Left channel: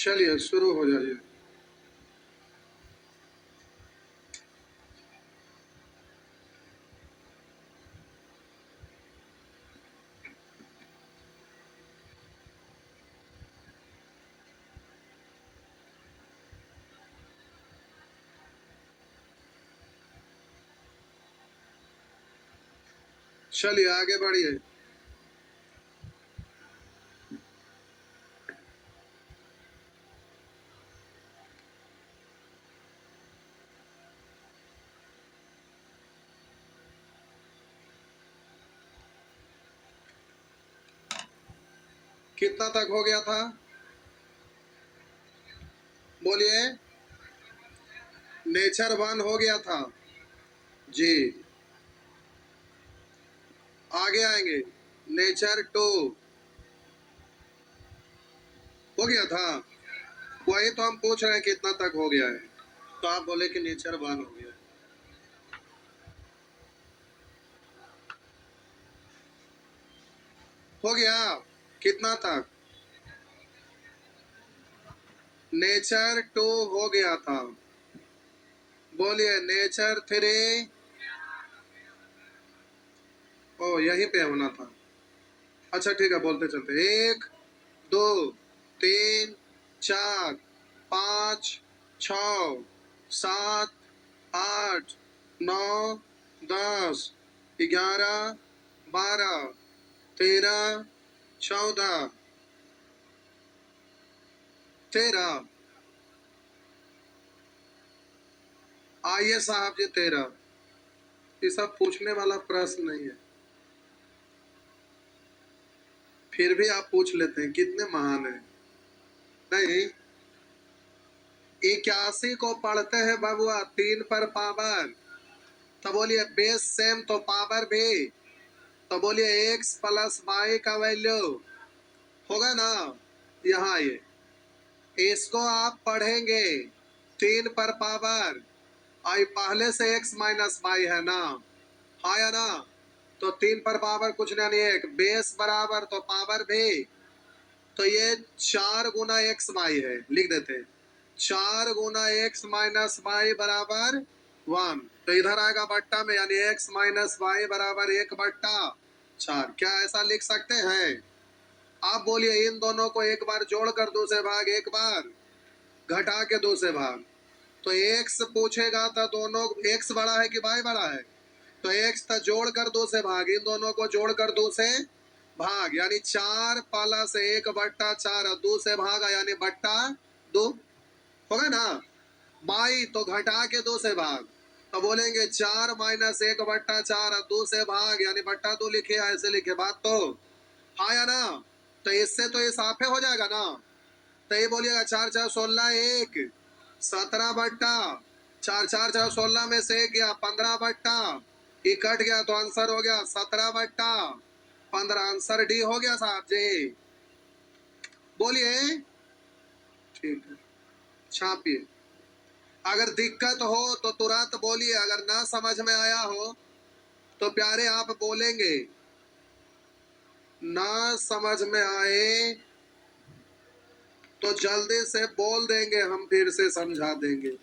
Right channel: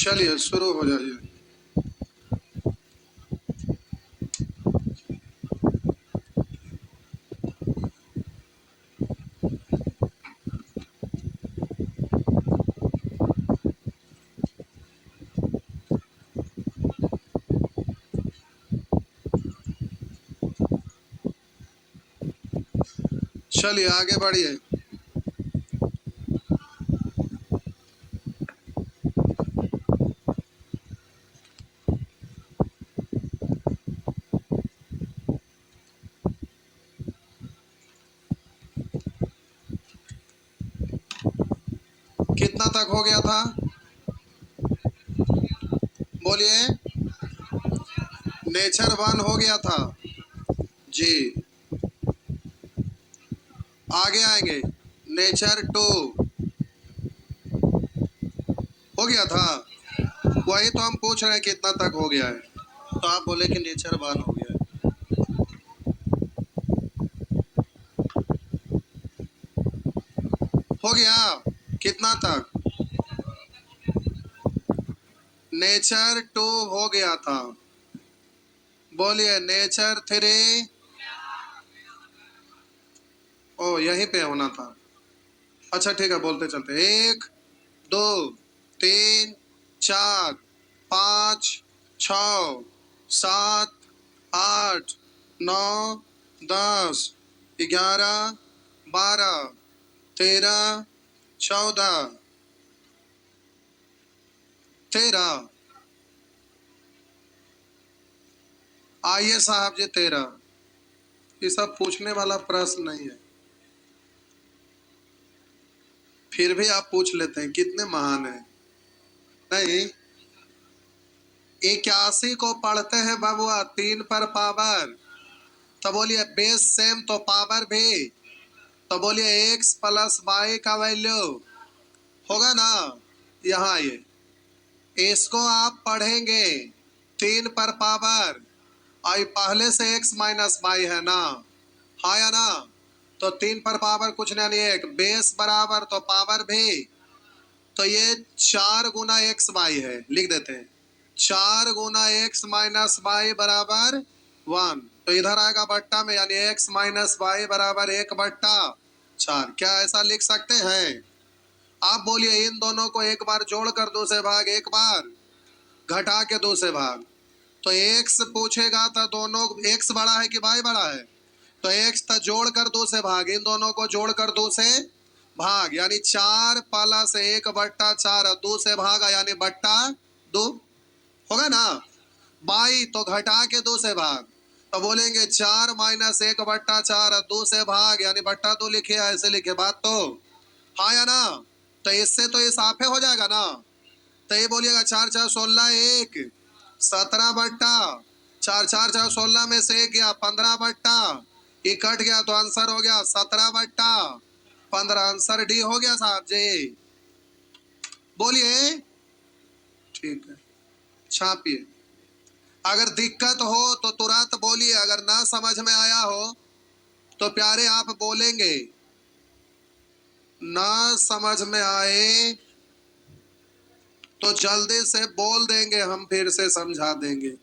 चलिए शुरू हो जाइए। चलिए आगे बढ़िए। कितना तक हो गया था? बोलिए। नेचर 1 हो गया था जी। आगे आएंगे। नेचर 2 हो गया था। वही तो हम पूछ रहे हैं कितना तक हो गया है, तो आप बोले कि नेचर 1 हो गया है। हो गया कितना तक? नेचर 2 हो गया था। बोलिए नेचर 3। ओ यहीं पे होना था। अच्छा ठीक है, बोलते चलते। 1 2 3 4 5 6 7 8 9 10 11 12 13 14 13। आइए साहब जी 13। ये सब पूछने वाला प्रश्न नहीं है, फिर भी आप पूछ लेते हैं, कितने महान हैं। नहीं, 81 को पढ़ते हैं बाबुआ 3 पर पावर, तो बोलिए बेस सेम तो पावर भी, तो बोलिए x प्लस वाई का वैल्यू होगा ना। यहाँ आइए, इसको आप पढ़ेंगे 3 पर पावर, और पहले से x माइनस वाई है ना, हाँ या ना। तो 3 पर पावर कुछ नहीं, एक बेस बराबर तो पावर भी, तो ये 4 गुना एक्स वाई है, लिख देते हैं 4 गुना एक्स माइनस वाई बराबर 1। तो इधर आएगा बट्टा में, यानी एक्स माइनस वाई बराबर 1/4। क्या ऐसा लिख सकते हैं? आप बोलिए इन दोनों को एक बार जोड़कर 2 से भाग, एक बार घटा के 2 से भाग। तो एक्स पूछेगा तो दोनों एक्स बड़ा है कि वाई बड़ा है, तो एक्स तो जोड़कर 2 से भाग, इन दोनों को जोड़कर 2 से भाग, यानी 4 प्लस 1/4, 2 से भागा यानी बट्टा 2 होगा ना। बाई तो घटा के 2 से भाग, तो बोलेंगे 4 माइनस 1/4, 2 से भाग यानी बट्टा 2 लिखे, ऐसे लिखे, बात तो हाँ या ना। तो इससे तो ये साफे हो जाएगा ना। तो ये बोलिएगा 4 4 16, 1 17/4, 4 4 4 16 में से 1 गया 15/, ये कट गया तो आंसर हो गया 17/15। आंसर डी हो गया साहब जी। बोलिए ठीक है, छापिए। अगर दिक्कत हो तो तुरंत बोलिए, अगर ना समझ में आया हो तो प्यारे आप बोलेंगे, ना समझ में आए तो जल्दी से बोल देंगे, हम फिर से समझा देंगे।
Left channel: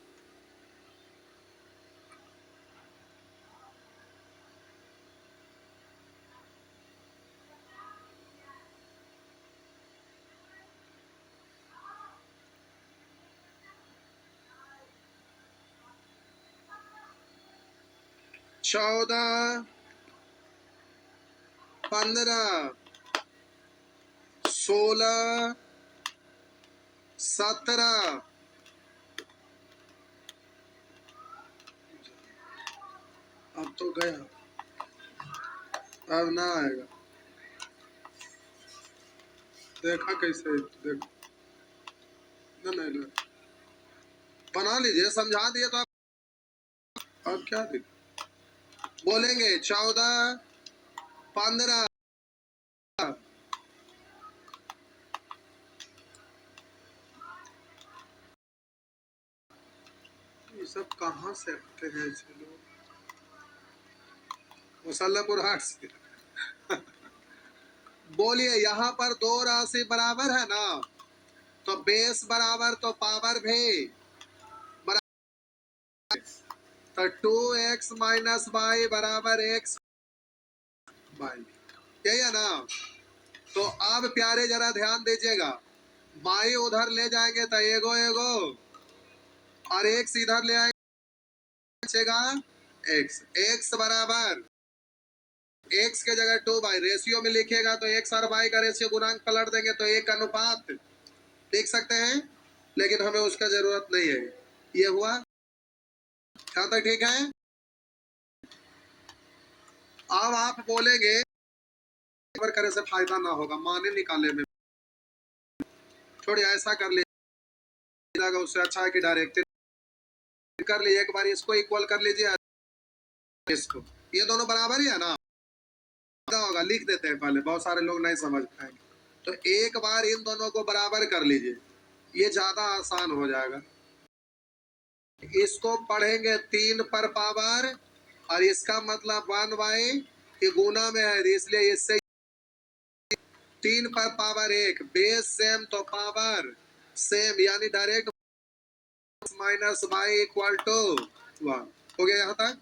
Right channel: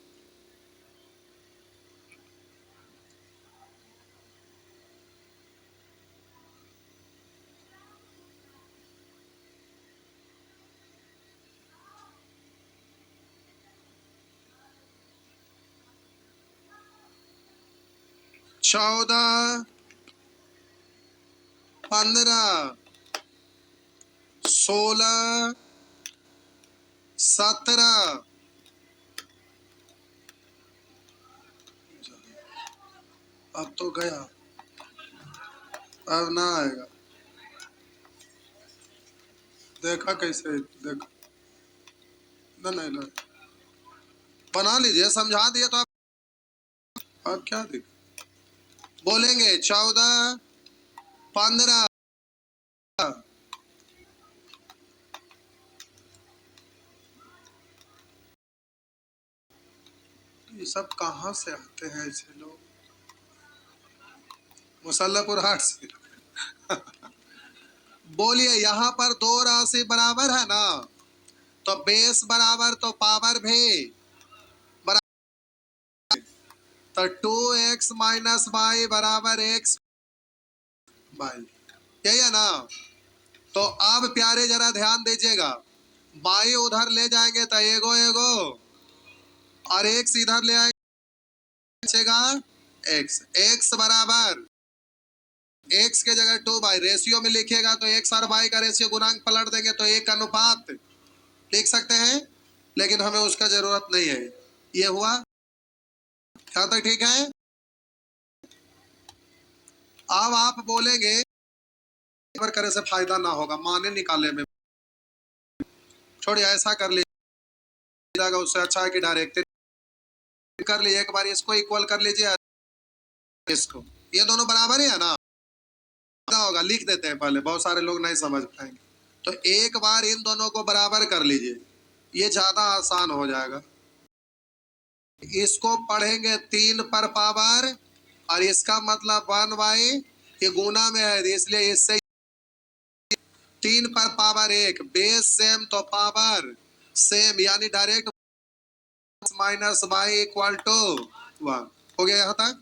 चौदह, 15, 16, 17। अब तो गया, अब ना आएगा। देखा कैसे, देखो ना, नहीं ना, बना लीजिए, समझा दिए तो अब क्या दिक्कत। बोलेंगे 14, 15। ये सब कहाँ से आते हैं ऐसे लोग? मुसल्लापुर हाट से। बोलिए यहाँ पर 2 राशि बराबर है ना, तो बेस बराबर तो पावर भी बराबर, तो 2x माइनस वाई बराबर x वाई, यही है ना। तो अब प्यारे जरा ध्यान दीजिएगा, बाई उधर ले जाएंगे तो एगो एगो और एक्स इधर ले आएंगे एक्स, एक्स बराबर एक्स के जगह 2 बाई, रेशियो में लिखिएगा तो एक्स और बाई का रेशियो गुणांक पलट देंगे तो एक अनुपात लिख सकते हैं, लेकिन हमें उसका जरूरत नहीं है। ये हुआ क्या तक ठीक है। अब आप बोलेंगे करे से फायदा ना होगा, माने निकाले में छोड़िए, ऐसा कर लीजिएगा, उससे अच्छा है कि डायरेक्ट कर लीजिए, एक बार इसको इक्वल कर लीजिए इसको, ये दोनों बराबर ही है ना, होगा लिख देते हैं पहले, बहुत सारे लोग नहीं समझ पाएंगे। तो एक बार इन दोनों को बराबर कर लीजिए, ये ज्यादा आसान हो जाएगा। इसको पढ़ेंगे 3 पर पावर और इसका मतलब 1/, ये गुना में है इसलिए इससे 3 पर पावर 1, बेस सेम तो पावर सेम, यानी direct minus Y equal to 1 हो गया यहां तक।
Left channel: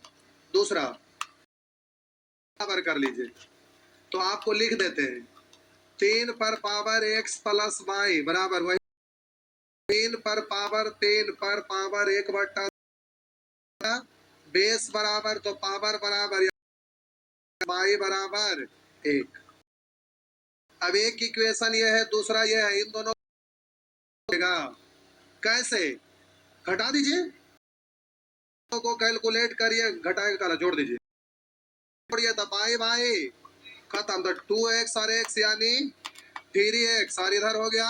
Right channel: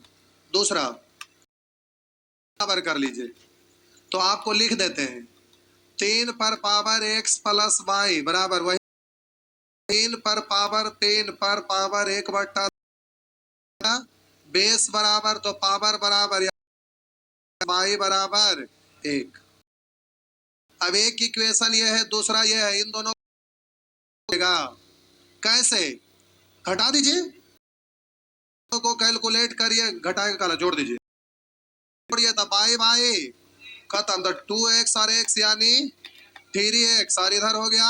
दूसरा बराबर कर लीजिए, तो आपको लिख देते हैं 3 पर पावर x प्लस वाई बराबर वही 3 पर पावर 1/, बेस बराबर तो पावर बराबर वाई बराबर 1। अब एक इक्वेशन ये है, दूसरा ये है, इन दोनों कैसे घटा दीजिए, को कैलकुलेट करिए, घटा के जोड़ दीजिए, जोड़िए तो बाई बाई खत्म, तो 2x और x यानी 3x और इधर हो गया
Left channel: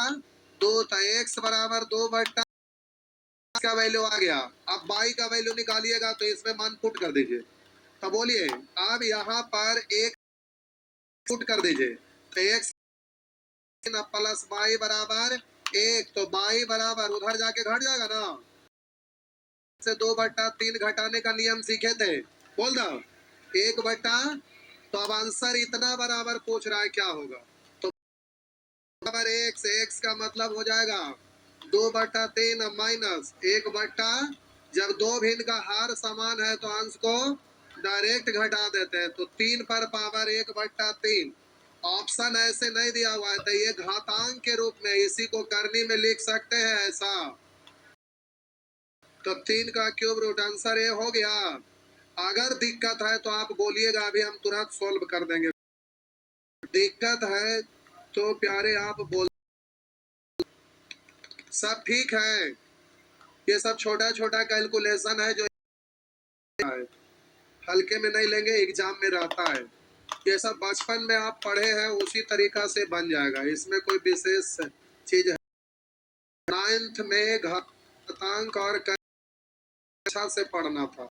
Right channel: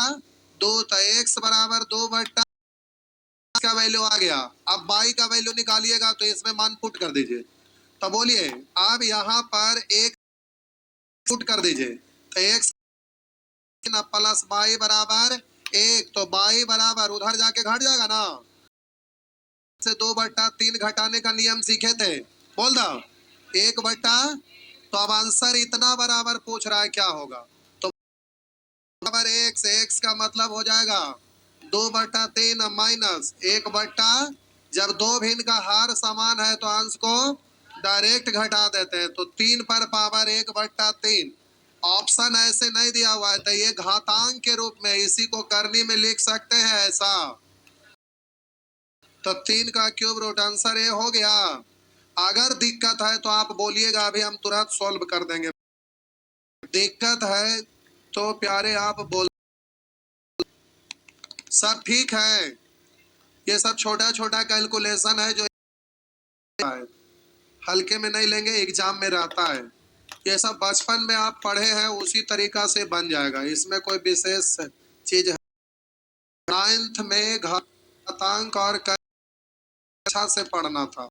2, तो x बराबर 2/, का वैल्यू आ गया। अब बाई का वैल्यू निकालिएगा तो इसमें मान पुट कर दीजिए, तो बोलिए अब यहाँ पर एक पुट कर दीजिए, तो x प्लस बाई बराबर 1, तो बाई बराबर उधर जाके घट जाएगा ना, से 2/3 घटाने का नियम सीखे थे, बोल दो 1/, तो अब आंसर इतना बराबर पूछ रहा है क्या होगा, तो बराबर x का मतलब हो जाएगा 2/3 माइनस 1/, जब दो भिन्न का हार समान है तो अंश को डायरेक्ट घटा देते हैं, तो 3 पर पावर 1/3। ऑप्शन ऐसे नहीं दिया हुआ है, तो ये घातांक के रूप में इसी को करनी में लिख सकते हैं ऐसा, तो 3 का क्यूब रूट, आंसर ये हो गया। अगर दिक्कत है तो आप बोलिएगा, अभी हम तुरंत सॉल्व कर देंगे, दिक्कत है तो प्यारे आप बोल, सब ठीक है, ये सब छोटा छोटा कैलकुलेशन है जो हल्के में नहीं लेंगे, एग्जाम में रहता है, ये सब बचपन में आप पढ़े हैं उसी तरीका से बन जाएगा, इसमें कोई विशेष चीज है। 9th में घातांक और अच्छा से पढ़ना था,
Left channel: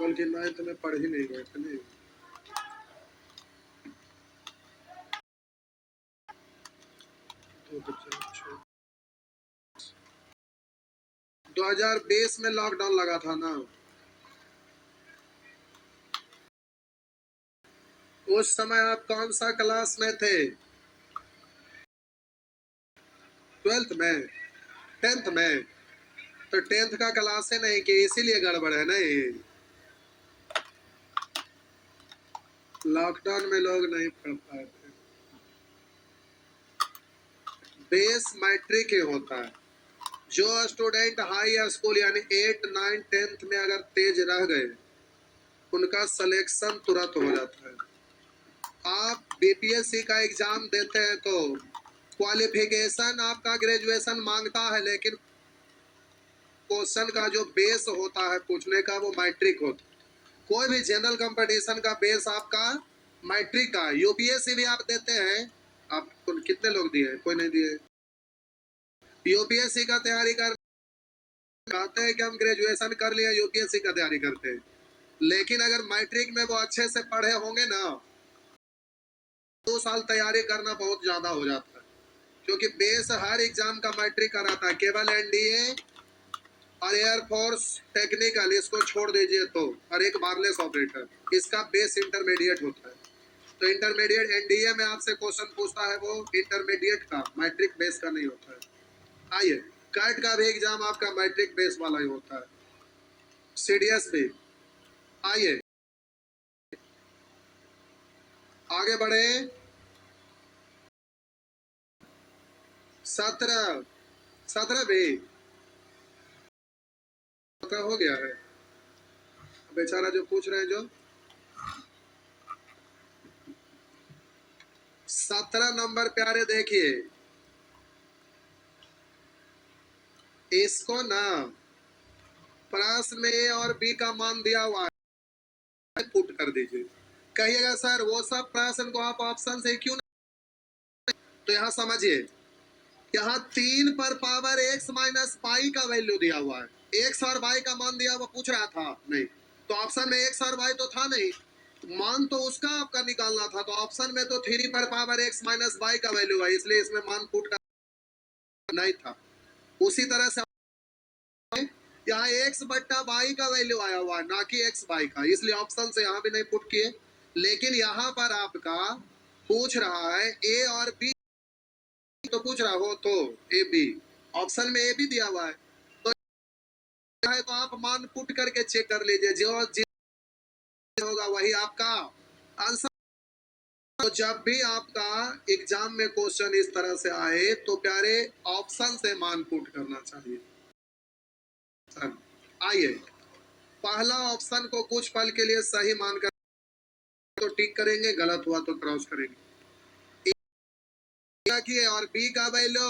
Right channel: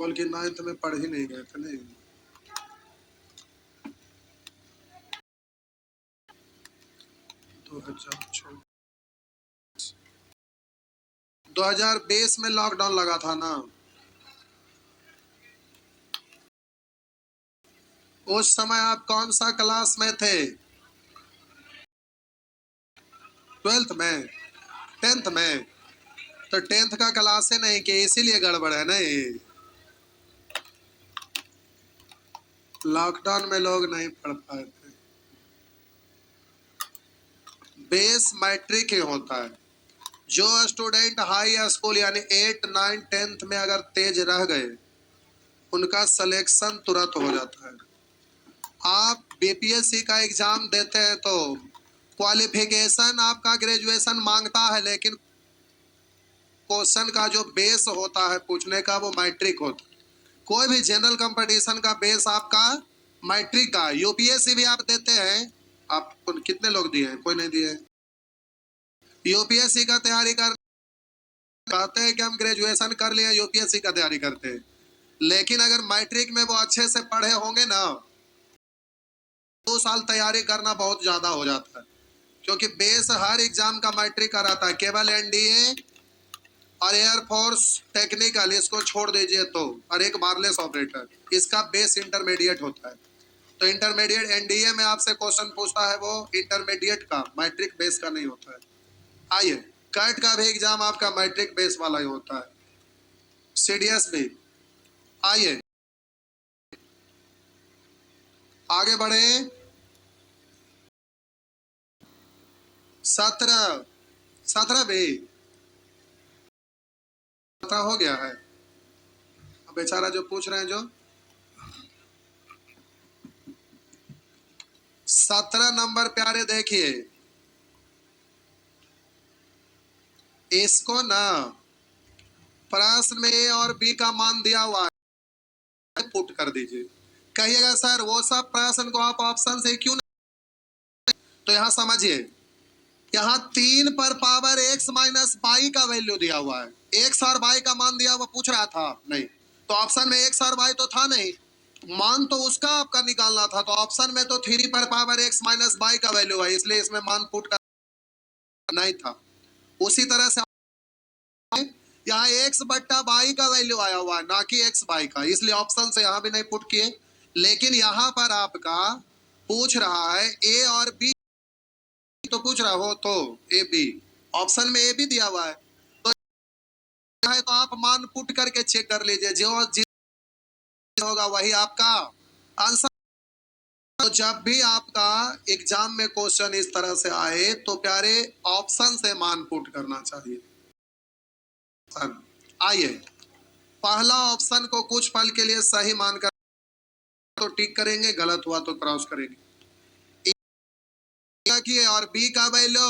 बल्कि 9th में पढ़ ही नहीं गए थे नहीं। 2020 में लॉकडाउन लगा था ना, उस समय आप कौन सा क्लास में थे, 12th में, 10th में, तो 10th का क्लास है नहीं कि इसीलिए गड़बड़ है नहीं, लॉकडाउन में लोग नहीं पढ़ पाए थे। बेस मैट्रिक ही होता है, जो स्टूडेंट हाई स्कूल यानी 8, 9, 10th में अगर तेज रह गए उनका सिलेक्शन तुरंत हो जाता है। आप बीपीएससी का एग्जाम देते हैं तो क्वालिफिकेशन आपका ग्रेजुएशन मांगता है, लेकिन क्वेश्चन का जो बेस होता है पूछने का वो मैट्रिक होता है। कोई भी जनरल कंपटीशन का बेस आपका मैट्रिक का। यूपीएससी भी आप देते हैं, आप कितने लोग दिए हैं, कोई नहीं दिए। यूपीएससी का तैयारी कर कहते हैं कि हम ग्रेजुएशन कर लिए, यूपीएससी का तैयारी करते हैं, लेकिन अगर मैट्रिक में वो अच्छे से पढ़े होंगे ना, 2 साल तैयारी करना बहुत ज्यादा हो जाता है, क्योंकि बेस हर एग्जाम का मैट्रिक का रहता है, केवल एनडीए और एयरफोर्स टेक्निकल इसको छोड़ दीजिए तो, और एक वायरलेस ऑपरेटर, इसका बेस इंटरमीडिएट होता है। तो इंटरमीडिएट एनडीए में आपसे क्वेश्चन पूछता है वो इंटरमीडिएट का, मैट्रिक बेस का नहीं होता है। आइए, कैट का भी एग्जाम आपका मैट्रिक बेस वाला ही होता है, सीडीएस भी। आइए आगे बढ़े। 17 17 भी 17 हो गया है। बेचारा जो पूछ रहे हैं, जो 17 नंबर प्यारे देखिए, इसको ना प्रश्न में ए और बी का मान दिया हुआ है, पुट कर दीजिए। कहिएगा सर वो सब प्रश्न को आप ऑप्शन से क्यों नहीं, तो यहां समझिए, यहाँ 3 पर पावर x माइनस बाई का वैल्यू दिया हुआ है, x और y का मान दिया हुआ पूछ रहा था नहीं, तो ऑप्शन में x और y तो था नहीं, मान तो उसका आपका निकालना था, तो ऑप्शन में तो 3 पर पावर x माइनस बाई का वैल्यू है, इसलिए इसमें मान पुट करना नहीं था। उसी तरह से यहाँ x बट्टा बाई का वैल्यू आया हुआ है, ना कि x बाई का, इसलिए ऑप्शन से यहाँ भी नहीं पुट किए। लेकिन यहाँ पर आपका पूछ रहा है a और b, तो पूछ रहा हो तो ए बी, ऑप्शन में ए बी दिया हुआ है, तो है तो आप मान पुट करके चेक कर लीजिए, जो होगा वही आपका आंसर। तो जब भी आपका एग्जाम में क्वेश्चन इस तरह से आए तो प्यारे ऑप्शन से मान पुट करना चाहिए। आइए, पहला ऑप्शन को कुछ पल के लिए सही मानकर तो टिक करेंगे, गलत हुआ तो क्रॉस करेंगे। किए और बी का वैल्यू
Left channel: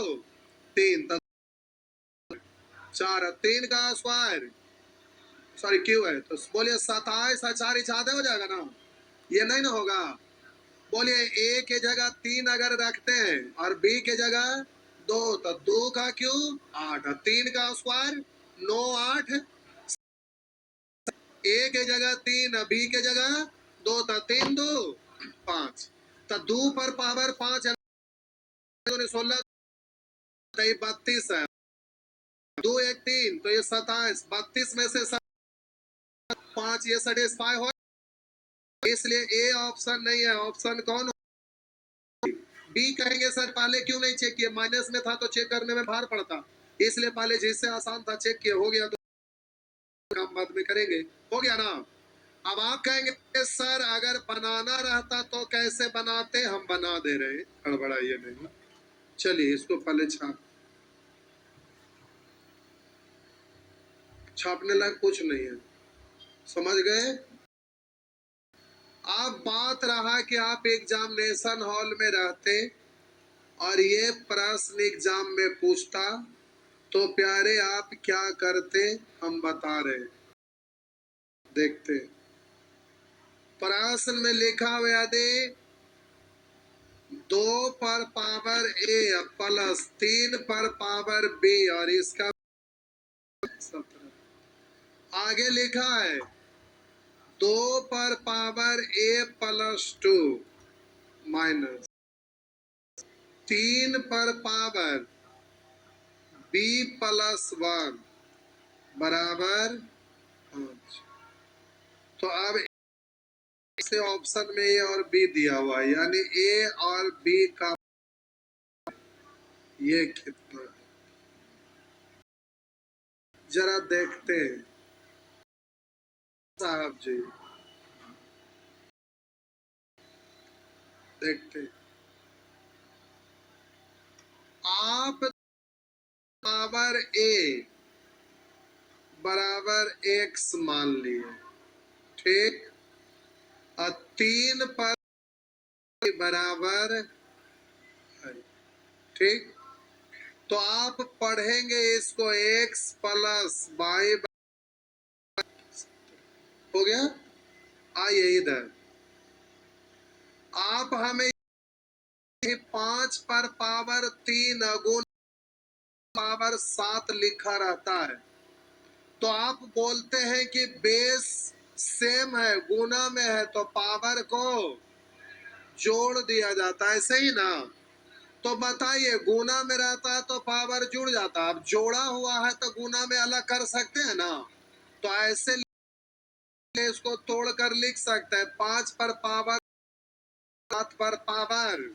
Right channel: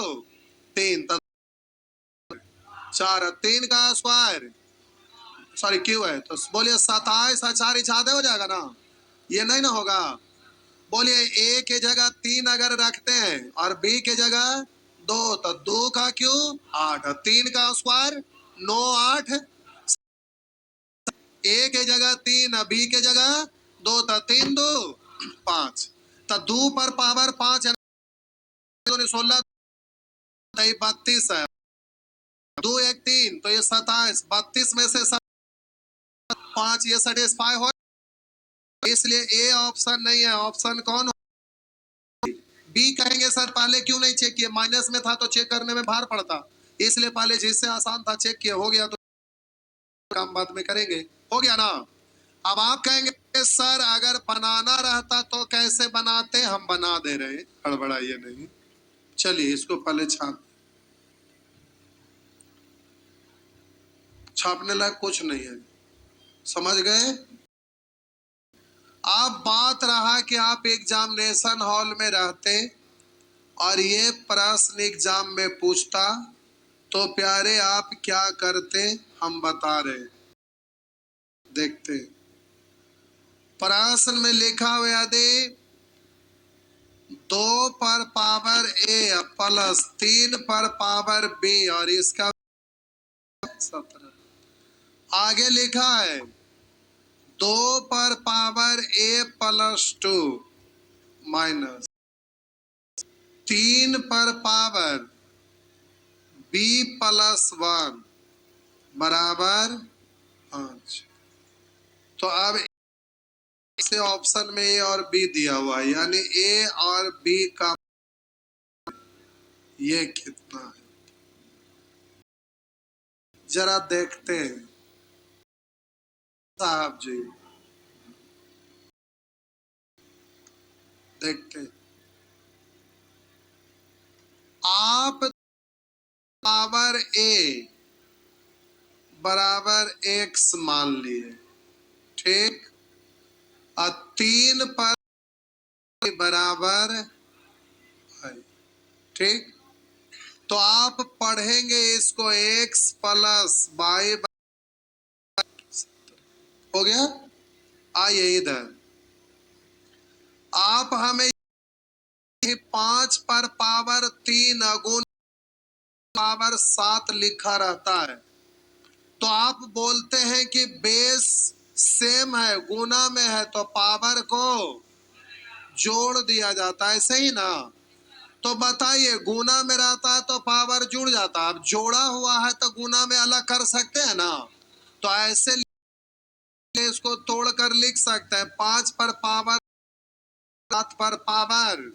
3, 4, 3 का स्क्वायर सॉरी क्यू है, तो बोलिए 27 4 6 हो जाएगा ना, ये नहीं ना होगा। बोलिए ए के जगह 3 अगर रखते हैं और बी के जगह 2, तो 2 का क्यू 8, 3 का स्क्वायर 9 8, ए के जगह 3 बी के जगह 2, तो 3 2 5, तो 2 पर पावर 5 16, 32 है, 2 1 3, तो ये 27, 32 में से 5 ये सेटिस्फाई हो, इसलिए ए ऑप्शन नहीं है। ऑप्शन कौन हो? बी कहेंगे सर पहले क्यों नहीं चेक किए, माइनस में था तो चेक करने में भार पड़ता, इसलिए पहले जिससे आसान था चेक किए, हो गया तो काम बाद में करेंगे, हो गया ना। अब आप कहेंगे सर अगर बनाना रहता तो कैसे बनाते, हम बना दे रहे, हड़बड़ाइए नहीं। चलिए इसको पहले छापने लायक कुछ नहीं है, समझ गए। अब बात रहा कि आप एग्जामिनेशन हॉल में रहते और ये प्रश्न एग्जाम में पूछता, तो प्यारे आप क्या करते, हम बता रहे, देखते। प्रश्न में लिखा हुआ यदि 2 पर पावर ए प्लस 3 पर पावर बी और इसका 17, आगे लिखा है 2 पर पावर ए प्लस 2 माइनस 3 पर पावर बी प्लस 1 बराबर 5। तो अब से ऑप्शन में ए और बी दिया हुआ है, यानी ए और बी का ये कितना है, जरा देखते हैं साहब जी, देखते। आप पावर ए बराबर एक्स मान लिए, ठीक, और 3 पर बराबर है, ठीक, तो आप पढ़ेंगे इसको एक्स प्लस वाई, हो गया। आइए इधर, आप हमें 5 पर पावर 3 गुण पावर 7 लिखा रहता है, तो आप बोलते हैं कि बेस सेम है, गुना में है, तो पावर को जोड़ दिया जाता है, सही ना। तो बताइए गुना में रहता है तो पावर जुड़ जाता है, अब जोड़ा हुआ है तो गुना में अलग कर सकते हैं ना, तो ऐसे इसको तोड़कर लिख सकते हैं 5 पर पावर 7 पर पावर,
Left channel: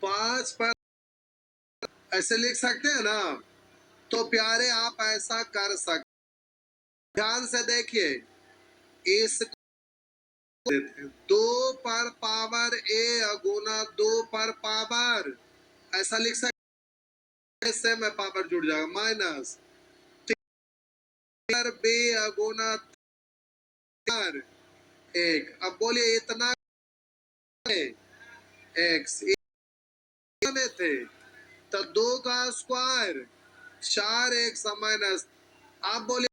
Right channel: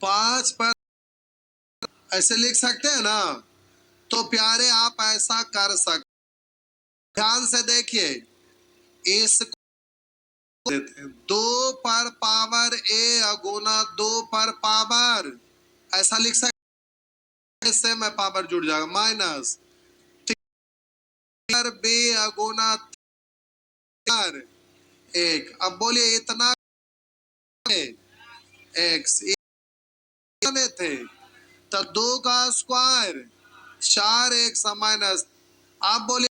5 पर, ऐसे लिख सकते हैं ना। तो प्यारे आप ऐसा कर सकते, ध्यान से देखिए, इसको देते हैं 2 पर पावर ए गुना 2 पर पावर, ऐसा लिख सकते, इससे में पावर जुड़ जाएगा, माइनस 3 बी गुना 1। अब बोलिए इतना एक्स थे, तो 2 का स्क्वायर 4 एक्स माइनस, आप बोलिए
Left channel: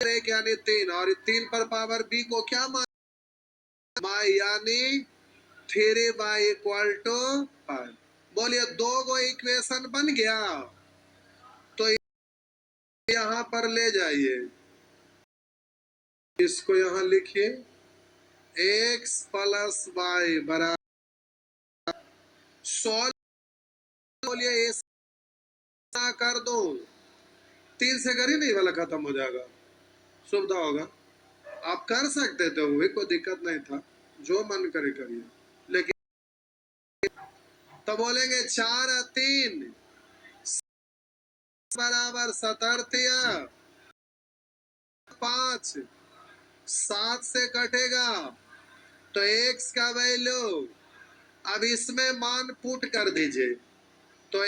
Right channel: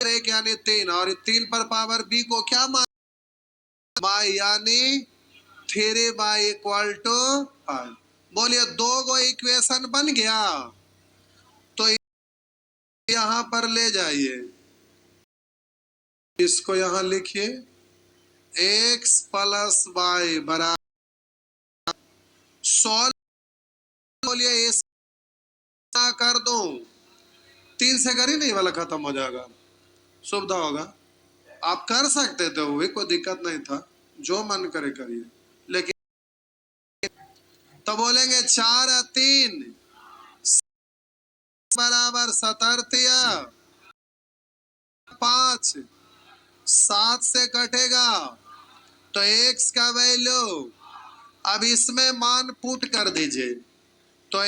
1 यानी 3, और 3 पर पावर बी को क्या मान, बाई यानी 3 बाई इक्वल टू 5। बोलिए 2 गो इक्वेशन बन गया। तो यहां पर ले जाइए, इसको यहां लिखिए, x प्लस वाई बराबर, सॉल्व, बोलिए ऐसा कर दो, 3 से करी नहीं वाला खत्म हो जाएगा, सुविधा होगा। आप कर सकते थे, वो कोई दिक्कत नहीं था, जो मन करे करिए, लेकिन तो बोलेंगे 4 3 बराबर 17, 5 7 से कटेगा, तो x का वैल्यू, अब इसमें मान पुट कर दीजिए, तो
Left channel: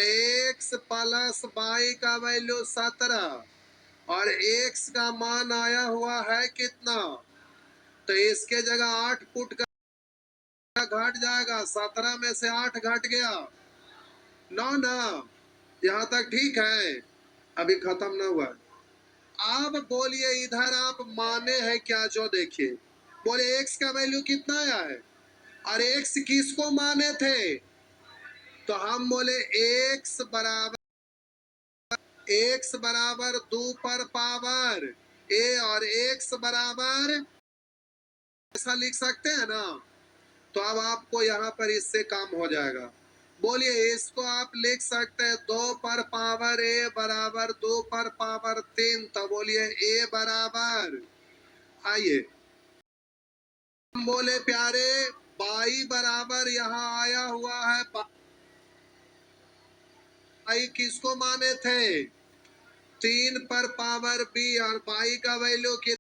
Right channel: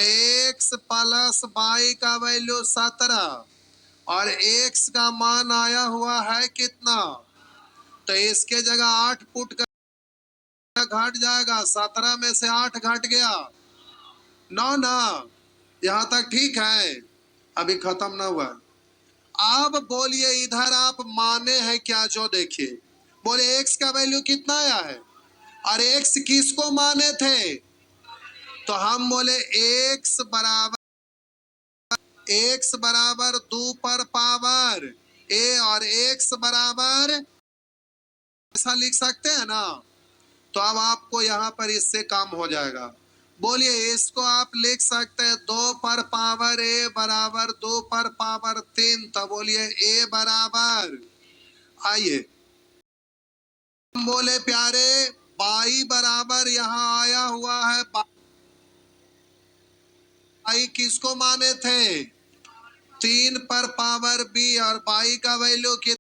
x प्लस वाई का वैल्यू 17, और x का मान आया हुआ है कितना, तो इसके जगह 8 पुट कर, घट जाएगा, 17 में से 8 घट गया 9 ना, यहां तक ठीक है, अभी खत्म ना हुआ। अब बोलिए इधर आप माने हैं क्या, जो देखिए, बोले x का वैल्यू कितना आया है, और x किसको माने थे, तो हम बोले x बराबर 2 पर पावर a, और x बराबर, ऐसा लिख सकते हैं ना। तो अब आपको यहाँ पर इससे काम हो जाएगा, बोलिए इसको आप लिख सकते हैं 2 पर पावर a बराबर 2 पर पावर 3, तो बोलिए a बराबर, आइए बोले प्यारे, बाई बराबर यहाँ आया हुआ है, बाई किसको माने थे, 3 पर पावर बी, और बाई का वैल्यू कितना,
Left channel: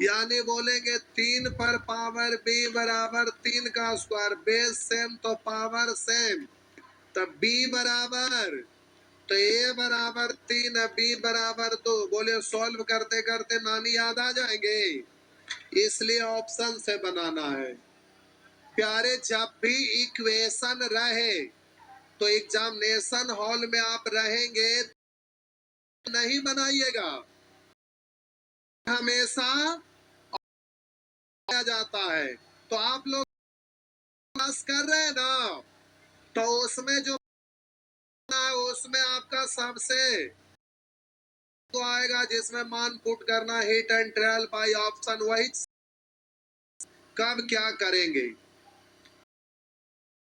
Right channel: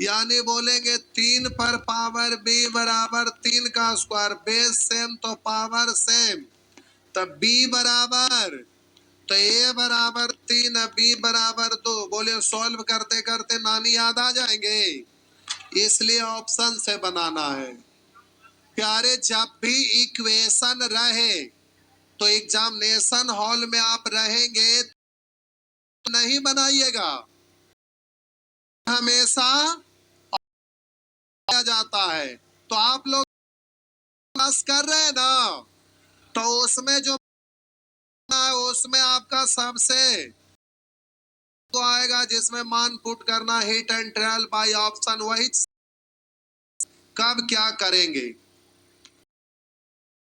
यानी बोलेंगे 3 पर पावर बी बराबर 3 का स्क्वायर, बेस सेम तो पावर सेम, तब बी बराबर, तो ए बराबर 3, बी बराबर 2। बोले सॉल्व करते करते नानी याद आ जाएंगे, इसलिए ऑप्शन से बनाना है प्यारे। जब भी इक्वेशन रहे, तो एग्जामिनेशन हॉल में आप रहेंगे तो नहीं बनाइएगा, हमेशा जाता है। तो आप लोग क्लास कर रहे हैं ना, तो उसमें जो उसमें आपका सबसे तो आएगा जिसमें मान पुट करना, hit and trial by option, वही कब क्या करेंगे,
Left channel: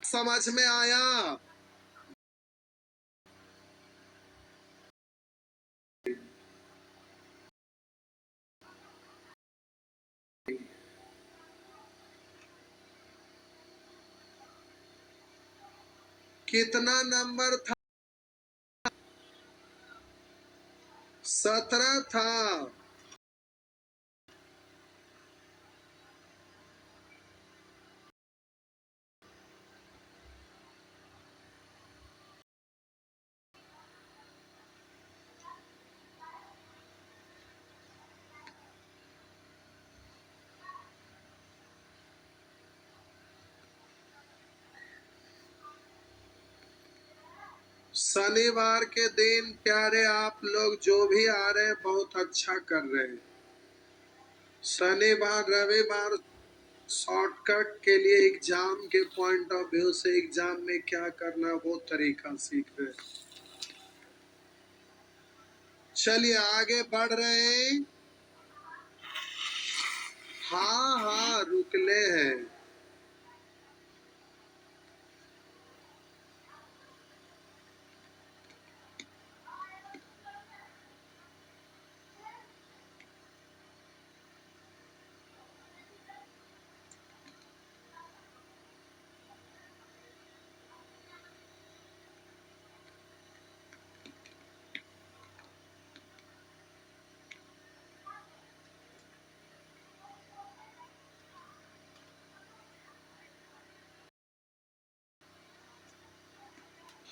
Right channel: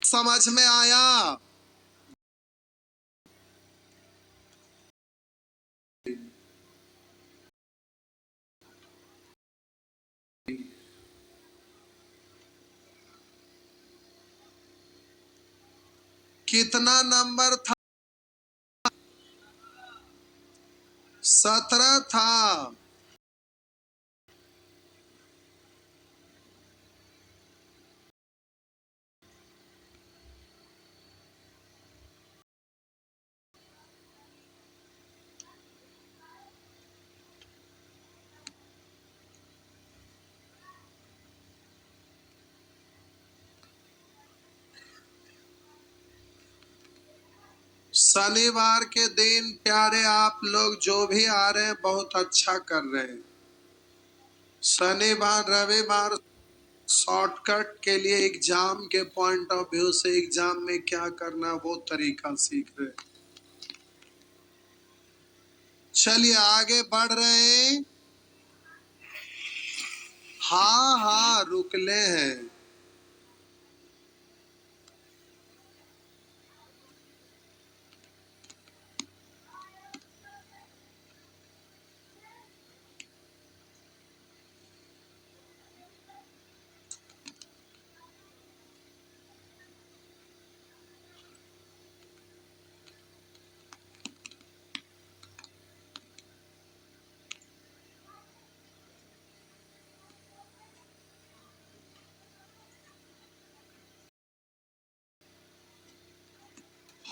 समझ में आया। कितना नंबर था, 17 था। शनिवार के दिन प्यारे आप लोग जो भी आ रहे हैं बहुत अच्छा कर रहे हैं। शनिवार रविवार शॉर्टकट के लिए एग्जाम के पॉइंट ऑफ व्यू से एग्जाम में क्या करना वो तरीका सीख रहे हैं। चलिए आगे बढ़ रहे हैं। हाँ हाँ रुकले हैं।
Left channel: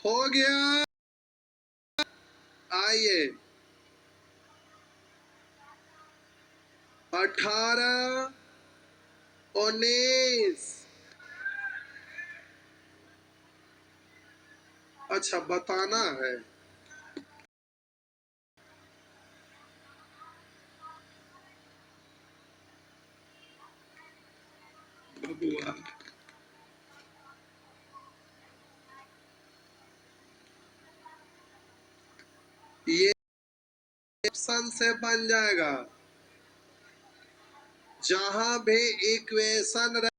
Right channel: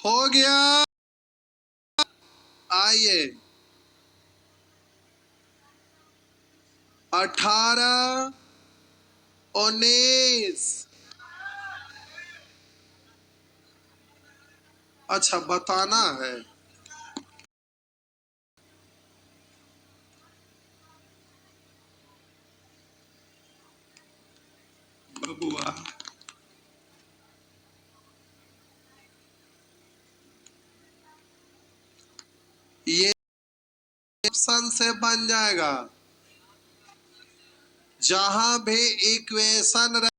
हो गया। आइए 18, 19। अच्छा बताना है। बबुआ ये ऑप्शन से बन जाएगा। जहां भी इक्वेशन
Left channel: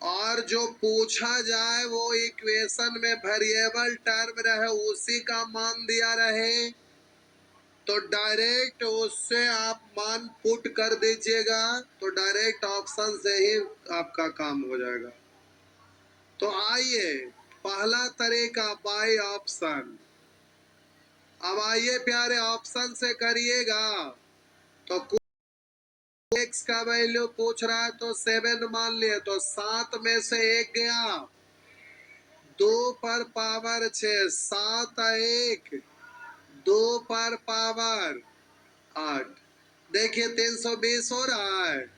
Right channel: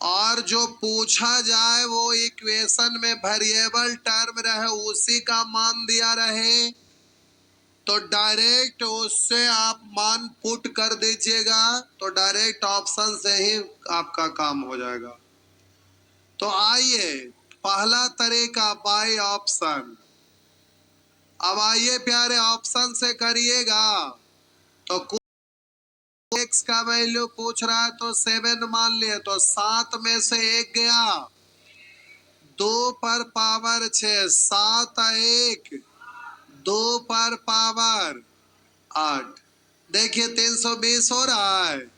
और जो पूछा जाए वो इक्वेशन में वेरिएबल टर्म रहे, उसी का मान दिया रहे, तो डायरेक्ट उससे आप मान पुट कर दीजिएगा, तो डायरेक्ट ऑप्शन से ही आपका काम हो जाएगा। तो आइए पहला तरीका बाय ऑप्शन। अब आइए प्यारे ऑप्शन से करिएगा। तो एक्स का वैल्यू पूछ रहा है तो 7 मान लिए, तो 7 में से 1 गया, 2 पर पावर 6, 7 1, 2 पर पावर 8। देखिए 320 हो रहा है।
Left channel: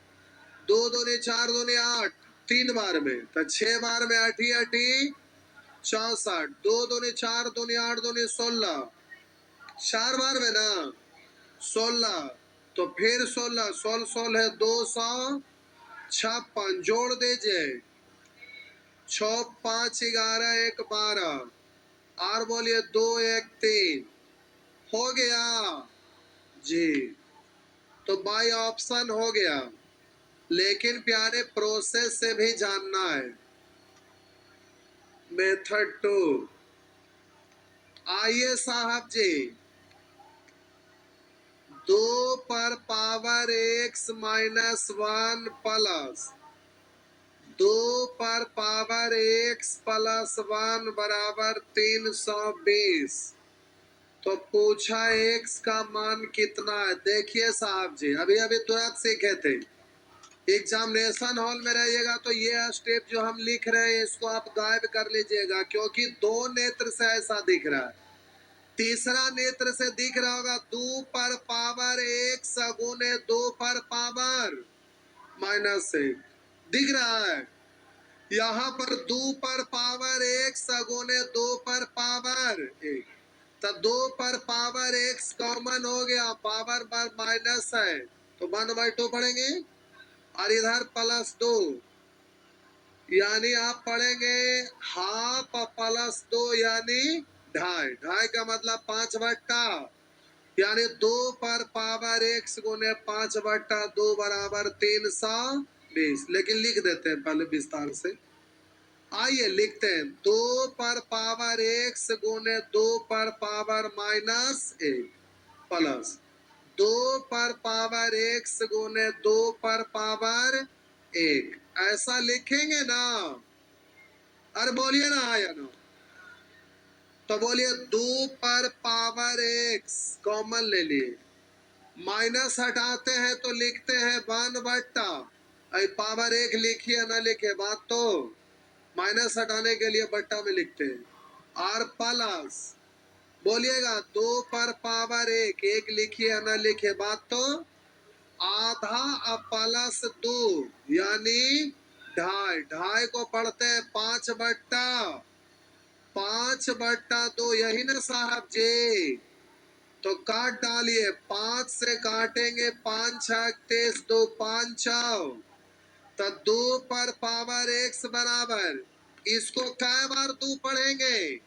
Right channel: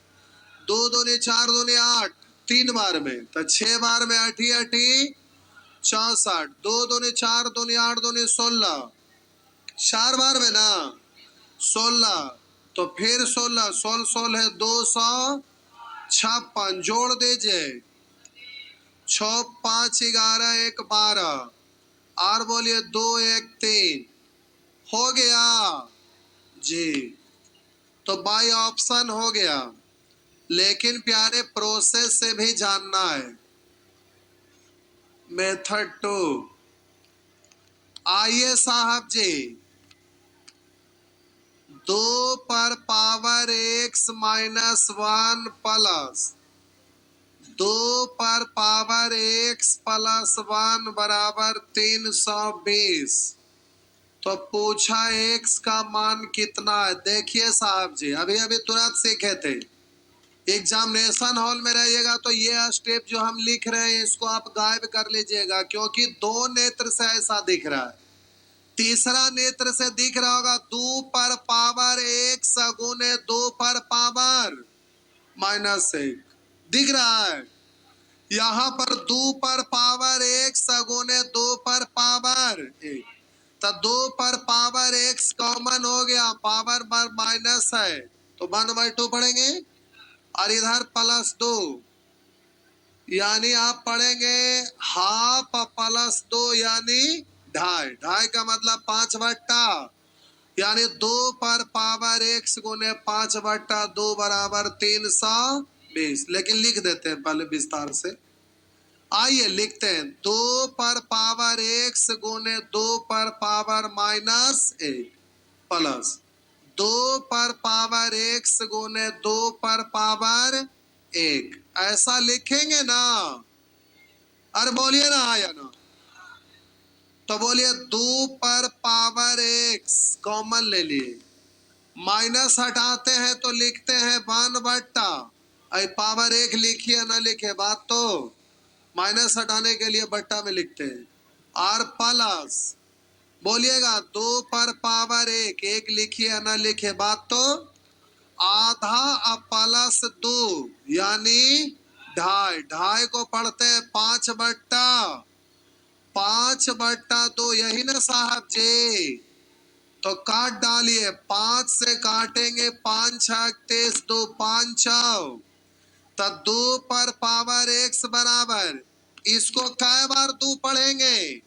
2 दूनी 4 दूनी 8, 3 बार में, तो 6 बार में 8 8 64, 2 दूनी 4 दूनी 8 दूनी 16, 4 बार में ना 16, तो फिर 16 16 16 है 256, जोड़ दीजिए 6 5 11 1 12, और बोलिए 2 1 3, हो गया जी। तो बाय ऑप्शन हो गया, लेकिन प्यारे प्रोसेस से भी जानना है। मेथड 2। आइए साहब जी, 2 पर पावर x माइनस 1 प्लस 2 पर पावर x प्लस 1 बराबर 320। तो पूछा x का मान कितना है। देखिए साहब जी, अभी अभी तुरंत सीखे थे। एग्जामिनेशन हॉल में रहिएगा तो ये स्टेप जो हम लिख रहे हैं इसको आप गायब कर लीजिएगा, क्योंकि 2 नेत्र से ऐसा दिख रहा है। तीसरा नेत्र से दिख रहा होगा 2 पर पावर 1 सगुने 2 पर पावर -1 दिख रहा है। यहाँ पर 2 पर पावर 1 सगुने 2 पर पावर 1, तो 2 पर पावर x कॉमन हो गया, पावर पर माइनस है तो 1/2 पढ़ेंगे, और इधर +2, यानी आप पढ़ेंगे हाफ +2 यानी ढाई। ढाई का मतलब 5/2, यानी 2 पर पावर x गुने 5/2 बराबर 320। लेकिन लिख देते हैं पहले विस्तार से। आइए लिखते हैं 2 पर पावर x गुने 2 पर पावर -1 प्लस 2 पर पावर x गुने 2 पर पावर 1, ऐसा लिखेंगे ना। अरे बोलिए ना हाँ या ना। तो बोलिए 2 पर पावर x कॉमन ले लिए, माइनस हटाते हैं तो लिखते हैं 1/, आई पावर 1 लिखिए ना लिखे बात, तो माइनस हटाने के लिए बट्टा में लिखते हैं, और प्लस बोलिएगा 2 पर पावर 1, 1 लिखिए ना लिखे बात, तो आधा +2 यानी ढाई। ढाई को पढ़ते हैं 5/2, यही ना साहब जी। तो काट डालिए, 5 से काटेंगे 5 6 23, 2 5 6, तो 2 पर पावर x बराबर, इसको कै बार 2 पढ़ेंगे,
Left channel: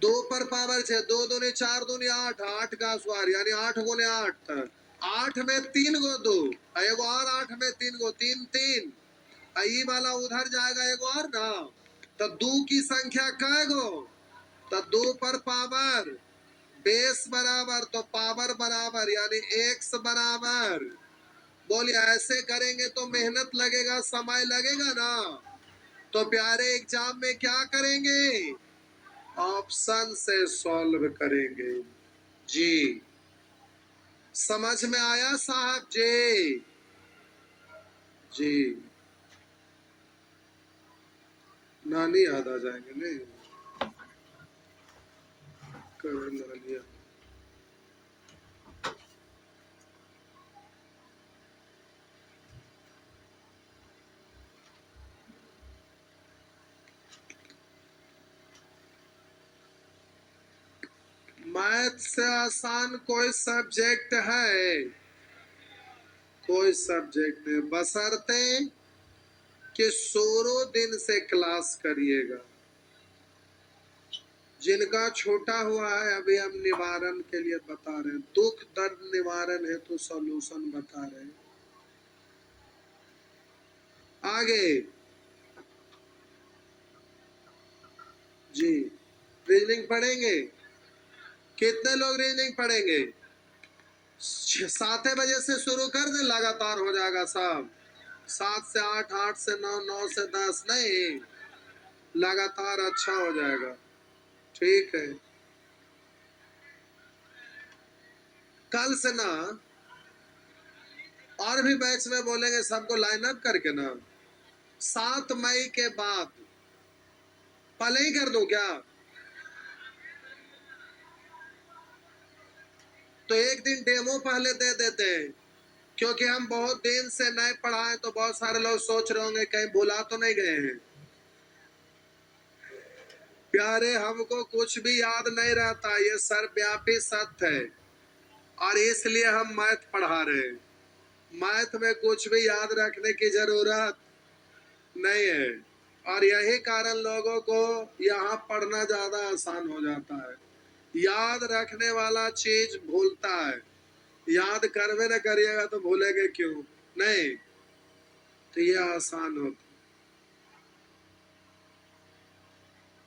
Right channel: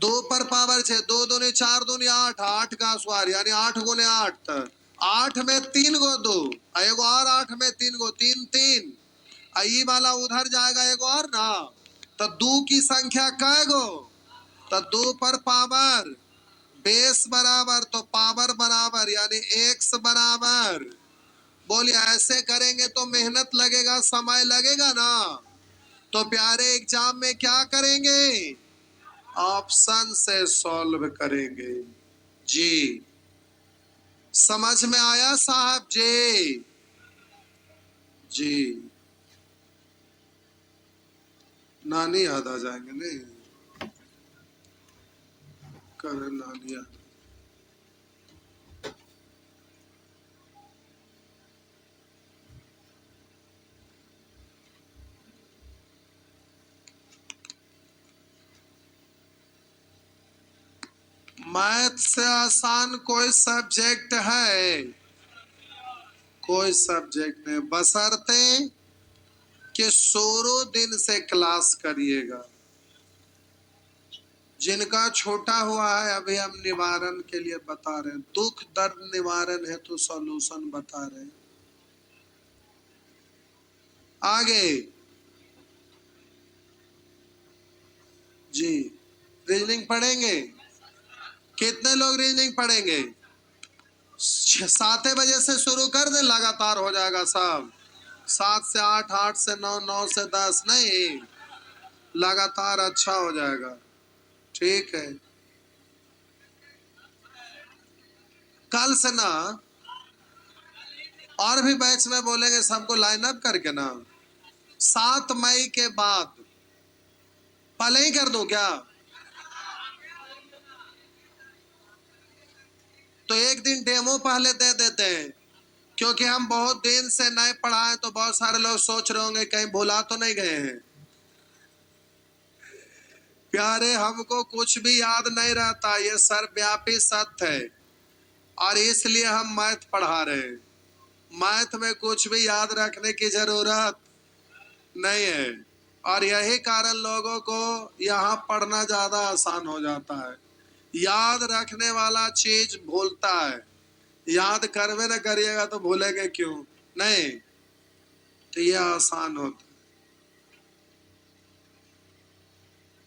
2 पर पावर 6, 2 दूनी 4 दूनी 8, 8 का स्क्वायर यानी 8 गुने 8, 8 में 3 गो 2, एगो और 8 में 3 गो 3 3, आई वाला उधर जाएगा एगो और ना, तो 2 की संख्या कै गो, तो 2 पर पावर बेस बराबर तो पावर बराबर यानी x बराबर। बोलिए ऐसे करेंगे तो मेहनत लगेगा, समय लगेगा ना। तो प्यारे एग्जाम में क्या करेंगे, ऑप्शन से सॉल्व करेंगे जी। समझ में आया साहब जी? जी नानी याद आ जाएंगे नहीं, कभी नानी याद। मैथ से आसान कोई सब्जेक्ट है? कोई सब्जेक्ट नहीं, बशर्ते कि शुरू दिन से क्लास करिएगा। जिनका छोटा हुआ है अभी हम निवारण के लिए बता रहे हैं, दुख दर्द निवारण है तो सॉल्यूशन बता रहे हैं। आगे जी, रीजनिंग पढ़ेंगे? कितने लोग रीजनिंग पढ़ेंगे? 7 बजे से शुरू कर दें, लगातार हो जाएगा सब। 7 से 8, 8 से 9, 9 से 10 नहीं, लगातार अच्छा हो जाएगा। ठीक है, कल से ना और भी बैच में बोलेंगे सबको लाइन अप करके ना। 7 मई के बाद पहले ही कर दूं क्या? तो एक दिन डेमो पहले दे देते हैं, क्योंकि हम बहुत दिन से नए पढ़ाए तो बहुत सारे लोग सोच रहे होंगे कहीं भुला तो नहीं गए हैं। प्यारे, हमको कुछ भी याद नहीं रहता, ये सर्वव्यापी सत्य है, और इसलिए हम मैथ पढ़ा रहे हैं। मैथ में कुछ भी याद रखने की जरूरत नहीं है, और यही कारण लोगों को यहाँ पढ़ना ज्यादा आसान हो जाता है। याद रखने वाला चीज भूलता है, याद करवे न करिएगा तो भूलेंगे क्यों? नहीं, तो ये आसान होता।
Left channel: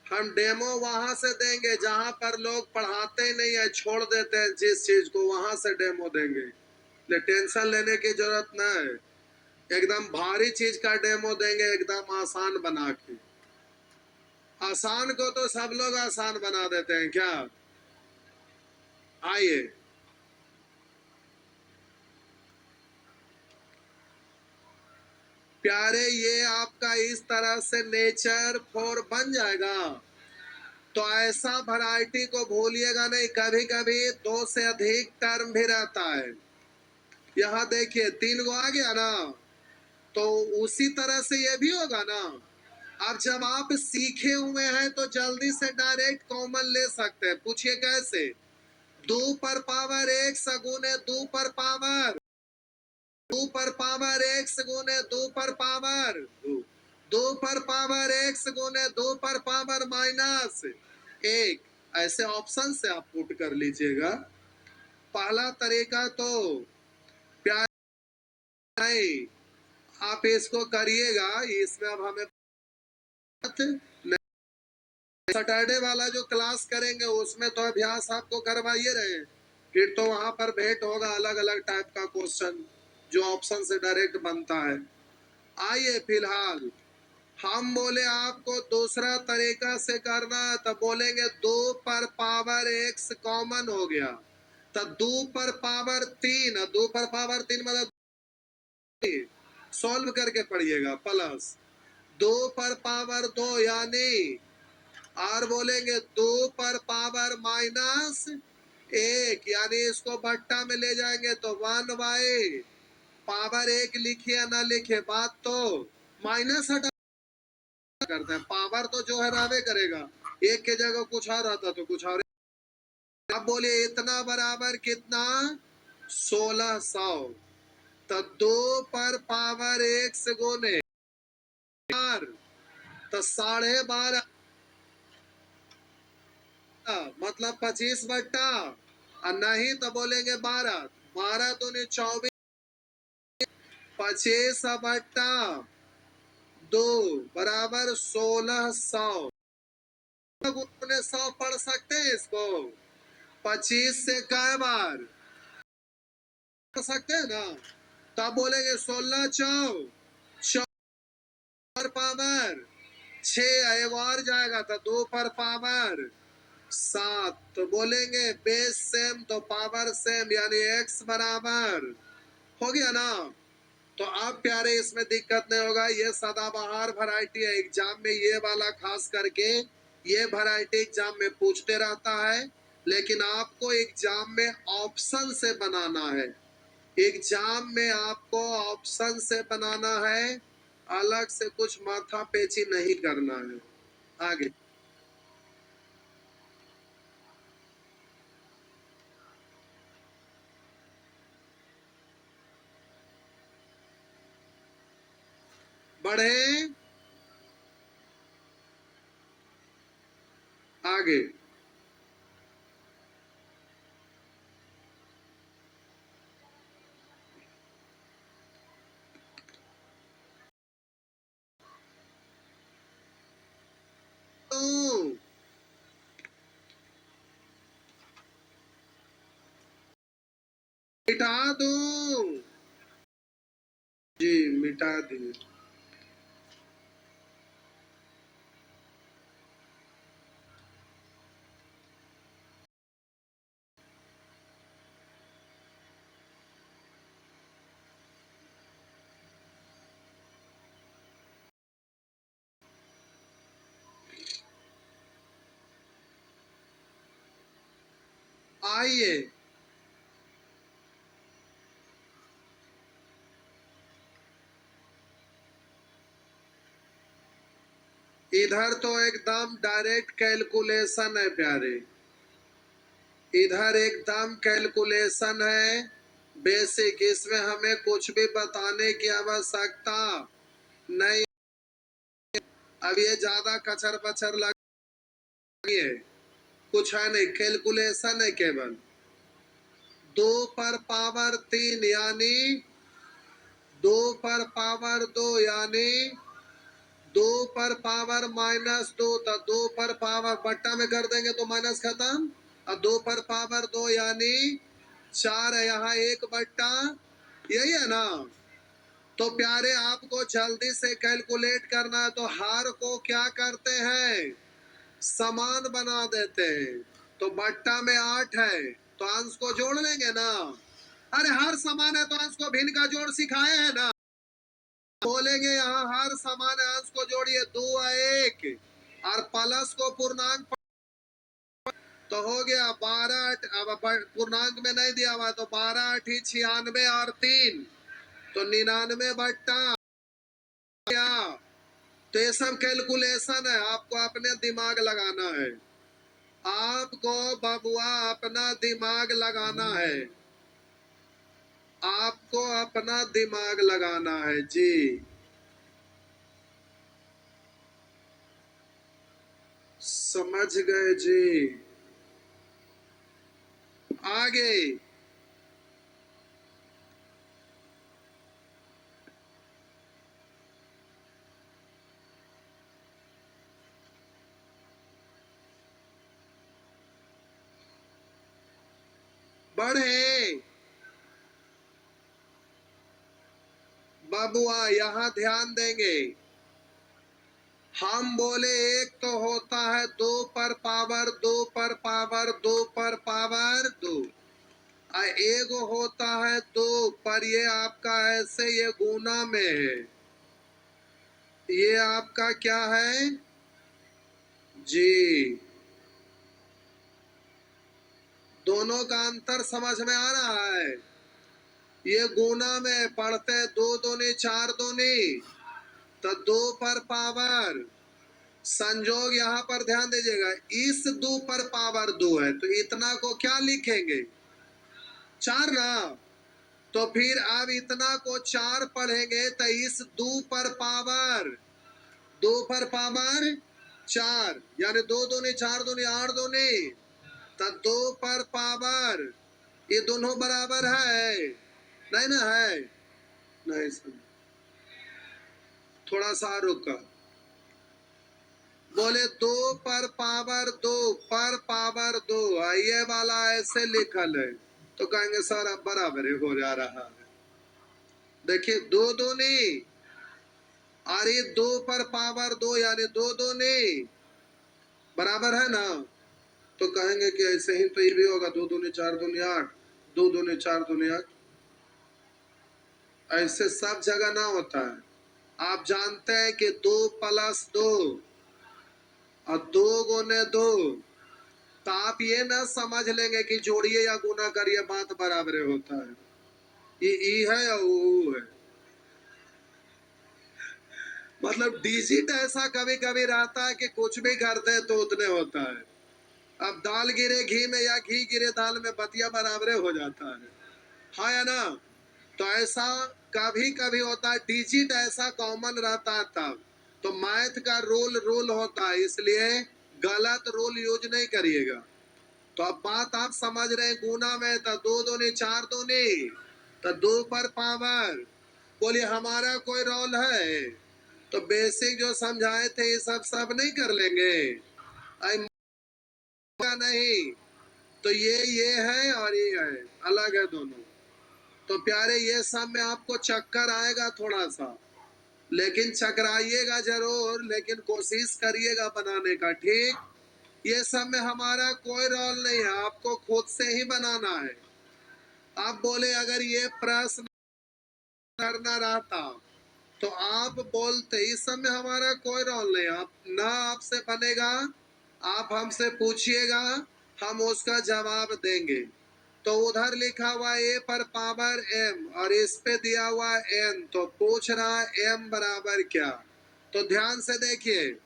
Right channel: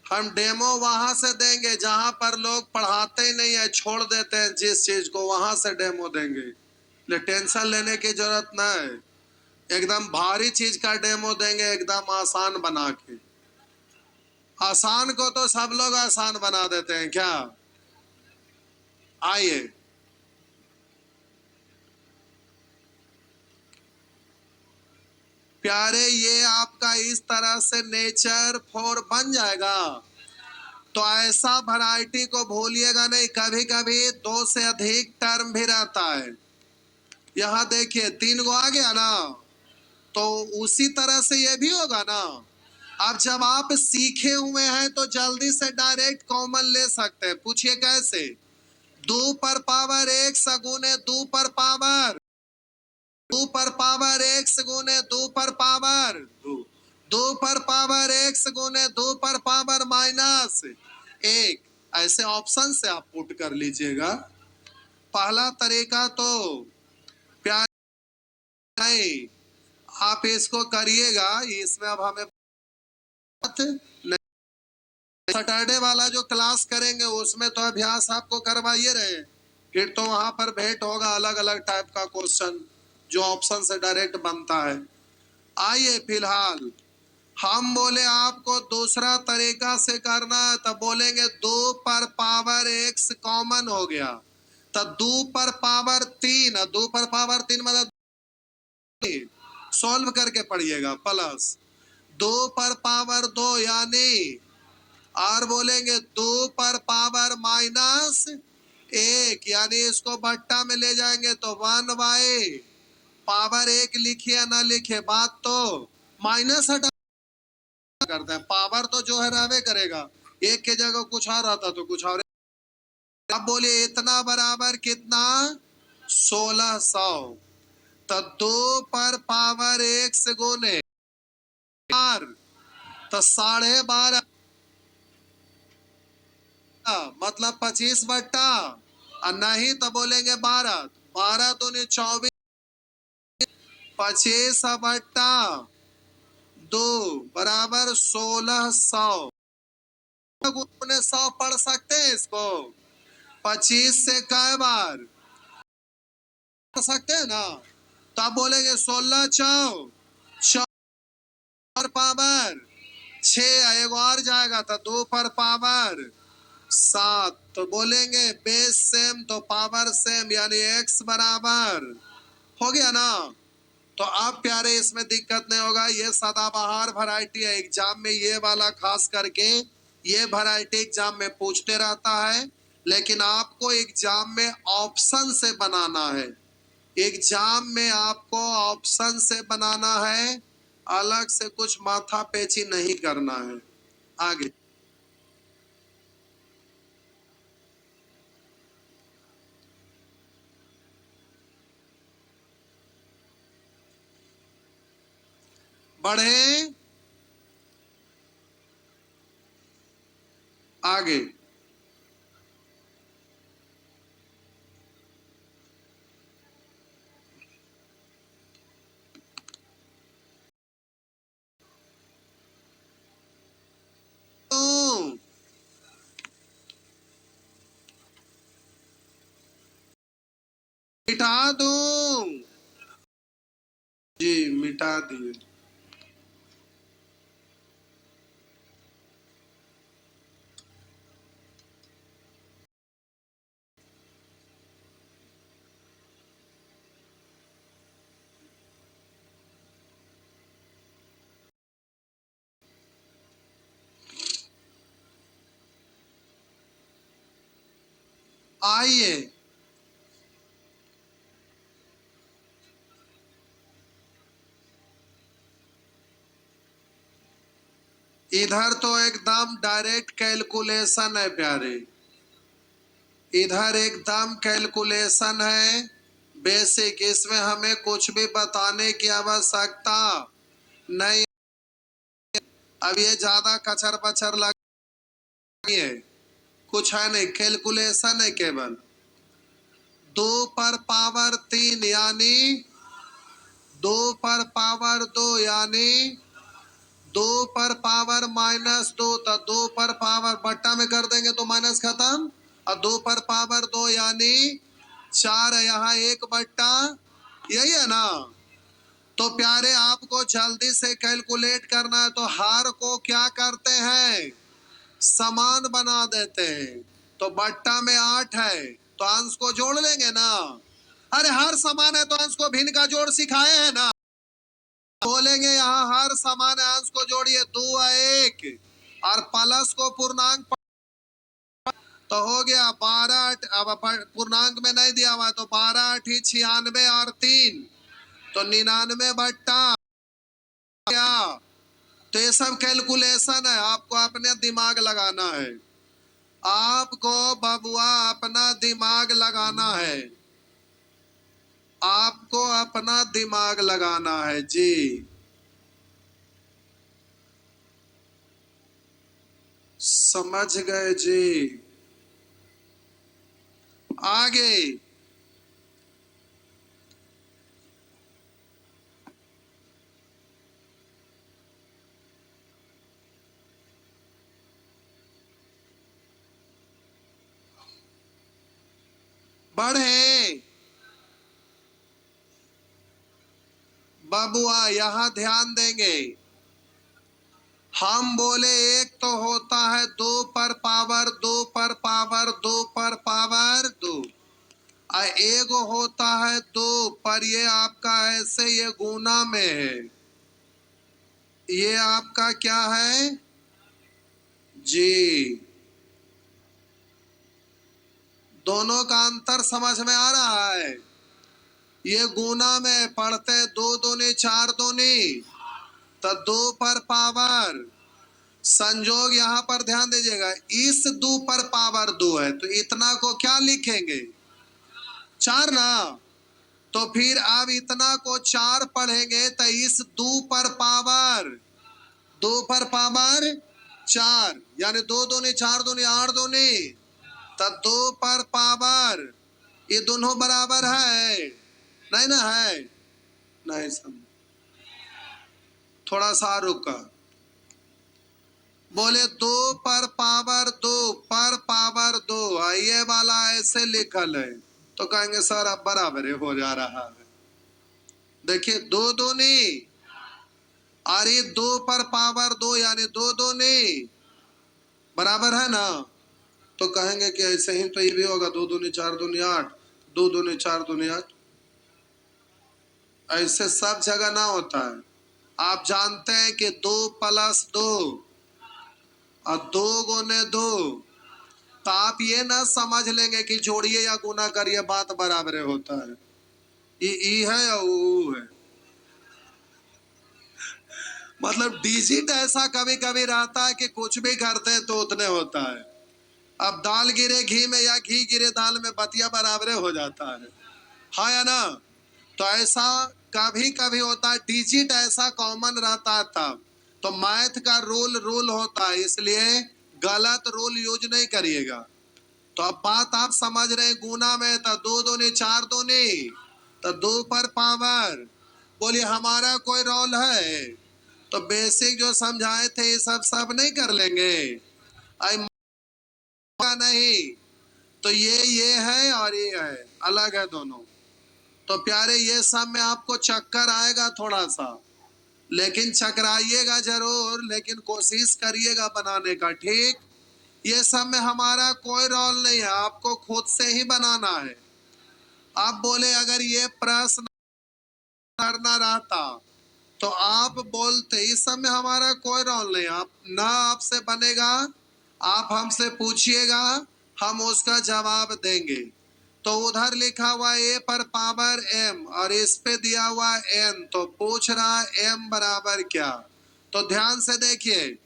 हम डेमो वहां से देंगे जहां पर लोग पढ़ाते ही नहीं है, छोड़ देते हैं जिस चीज को, वहां से डेमो देंगे। ले टेंशन लेने की जरूरत न है, एकदम भारी चीज का डेमो देंगे, एकदम आसान बना के। आसान को तो सब लोग आसान बना देते हैं क्या? आइए, प्यारे, ये आपका इस तरह से नेचर 4 बन जाएगा। तो ऐसा वैरायटी को भूलिएगा नहीं, कभी कभी 2 से अधिक टर्म भी रहता है। यहाँ देखिए 3 गो आ गया ना, तो उसी तरह से ये भी होगा ना। अब जब आप सीखे हुए हैं तो जल्दी से डायरेक्ट कॉमन ले सकते हैं। पूछिए कैसे? 2 पर पावर x गुने 2 पर पावर 2 पर पावर x गुने 2 पर पावर 2 पर पावर x गुने 2 पर पावर माइनस 1। ऐसे ऑप्शन से आप पुट कर लीजिएगा। पहला तरीका तो प्यार नहीं, आप इसको करिएगा, इसमें अब हमें सैटरडे वाला जो क्लास करेंगे उसमें तो अभ्यास आपको करवाइए रहे, फिर तो वहां पर भेंट होगा अलग अलग टाइप का क्वेश्चन जो ऑप्शन से डायरेक्ट बनता है। आइए, फिलहाल हम बोले आपको दूसरा तरीका से करना है, तब बोलेंगे 2 पर पावर x कॉमन हो गया, तब 2 पर पावर 3, 2 पर पावर 3 मतलब सॉल्व करके पढ़िएगा, प्लस 2 पर पावर 2 यानी, और बोलेंगे 2 पर पावर माइनस 1, यानी इसको बट्टा में ले जाएंगे तो 1 बाई पावर 1 लिखिए या ना लिखिए, बात तो माइनस हटा करते हैं, पावर तो जो है रहवे करेगा, एक के जगह कुछ और आता तो कुछ और। अब बोलिए इतना बराबर कितना? 1600। तो 2 पर पावर 1 से गुने तो 12.5, मतलब 25 बट्टा, और नहीं तो बोलेंगे 12, 12 दूनी 24, 25 बट्टा 2 बराबर 1600। 100 पढ़ सकते हैं इसको? 25 से कई बार पढ़ सकते हैं ना? तो आप बोलेंगे 16 चौ 4 पावर 6, एक और जाएगा तो 2 पर पावर 7, तो बोलेंगे बेस सेम तो पावर सेम, यानी x बराबर हो गया ना। तो अब प्यारे इसमें दिक्कत नहीं होगा, ये सदाबहार वैरायटी है। एग्जाम में ये वाला खास करके ये वैरायटी एग्जाम में पूछते रहता है, लेकिन आपको एग्जाम में ऑप्शन से बनाना है। एग्जाम में आपको ऑप्शन से बनाना है, अलग से कुछ माथा पेची नहीं करना है। आगे बढ़े, आगे मिटा दूं जी, मिटा दिए। आइए इधर तो एकदम डायरेक्ट कैलकुलेशन है प्यारे, इधर एकदम कैलकुलेशन है बेसिक। इसमें हमें कुछ भी बताने की आवश्यकता नहीं। अब ये ज्यादा कचर बचर लगी है, कुछ है नहीं, कैलकुलेशन है केवल। 2 पर पावर 3 यानी 2 पर पावर 2 यानी 2 पर पावर -2, तो 2 पर पावर बट्टा में कर देंगे तो माइनस खत्म। और 2 पर पावर 2 यानी 4 है, यहाँ 1/, यही है ना। तो प्यारे आपको जल्दी से कैलकुलेट करना है, तो हार को क्या करते हैं, समान बना देते हैं। तो बट्टा में 8 है, तो अंश को जोड़ लेंगे ना। अरे हर समान है तो अंश को भिन्न का जोड़ सिखाए हैं ना। बोलेंगे यहाँ हर समान है, अंश को जोड़िए, 2 और 1 और प्लस को पूर्णांक तो हो गया 12। अब पूर्णांक में नहीं दिया हुआ है तो 12 8 96 और 3 तो 99/, क्या। तो ये सब कैलकुलेशन है, आपको अपने दिमाग लगाना है। आपको बबुआ अपना दिमाग लगाना है, आपको अपना दिमाग लगाना है जी। समझ गए जी। आगे बढ़े बबुआ, यहां ध्यान देंगे। हम बोले एक तो होता है 2 पर पावर 2 एक होता है 2 पर, ये आपका ऐसे ये गुना में है, ये आपका क्या है जी। दोनों का अंतर समझ में आ रहा है। ये गुना में पढ़ते 2 दूनी 4 दूनी, तो 2 पर पावर संजोग, यहाँ पर ध्यान दीजिएगा, इस 2 पर पावर 2 है तो इतना को क्या लिखेंगे, 4 ना। तो फिर आप इतना को 4 पढ़ेंगे तो इस 2 पर पावर 4 यानी 2 दूनी 4 दूनी 8 दूनी, तो 2 पर पावर, ये दोनों बराबर है नहीं ना, है नहीं। समझ थोड़ा सा रुका, बोले 2 पर पावर 2 ये वाला ऐसे लिखल है, तो कहेंगे सर अब बराबर हो जा रहा है। देखिए 2 दूनी और ये 2 पर पावर 2 यानी 2 दूनी बराबर है ना। तो कहेंगे कि ऐसे ही तो ये भी होगा, 2 दूनी 4 दूनी 8, 2 दूनी 4 दूनी 8। ऐसे सब जगह ना होता है। आप जानते हैं कि 2+2 और 2 × 2, तो आप ये ना समझ लेंगे कि जोड़िए या गुना करिए बात बराबर होता है। ये ई है या ऊ है। मतलब डिजिट ऐसा कभी कभी रहता है कि कुछ भी करते हैं तो उतने होता है। अब दाल गिरे घी में या घी गिरे दाल में बतिया बराबर हो जाता है। हाँ या ना। तो ऐसा कभी कभी होता है, डिजिट ऐसा कॉमन रहता है तब। तो मैथ का रूल होता है, इसलिए गलत रूल यूज नहीं करिएगा। तो अब बात आप समझ रहे हैं, गुना में तो 2 दूनी 4 दूनी तो 2 पर पावर। बोलिए हमारा कोई रोल है? तो बेसिक जो समझाए थे ये सब नहीं कर लेंगे? आई नहीं। तो ये है और ये है, अलग है दोनों। तो प्यारे ये सब में आपको चक्कर आएगा थोड़ा सा, लेकिन चकराइएगा जरूर, लेकिन कोशिश करिएगा बनाने का, ठीक। ये सब में हमारा कोई रोल नहीं है, आपको खुद से ही बनाना है। आप बोले अगर ये प्रश्न करना रहता तो आप बोलते, इस सब में हमारा कोई रोल नहीं। आप ना आपसे बनेगा, आप हमसे पूछिएगा, हम उसका जवाब देंगे। तो उधर लिखा हुआ a पर पावर m और इस पे दिया हुआ n, तो पूछ रहा m बराबर क्या। तो ध्यान से देखिए,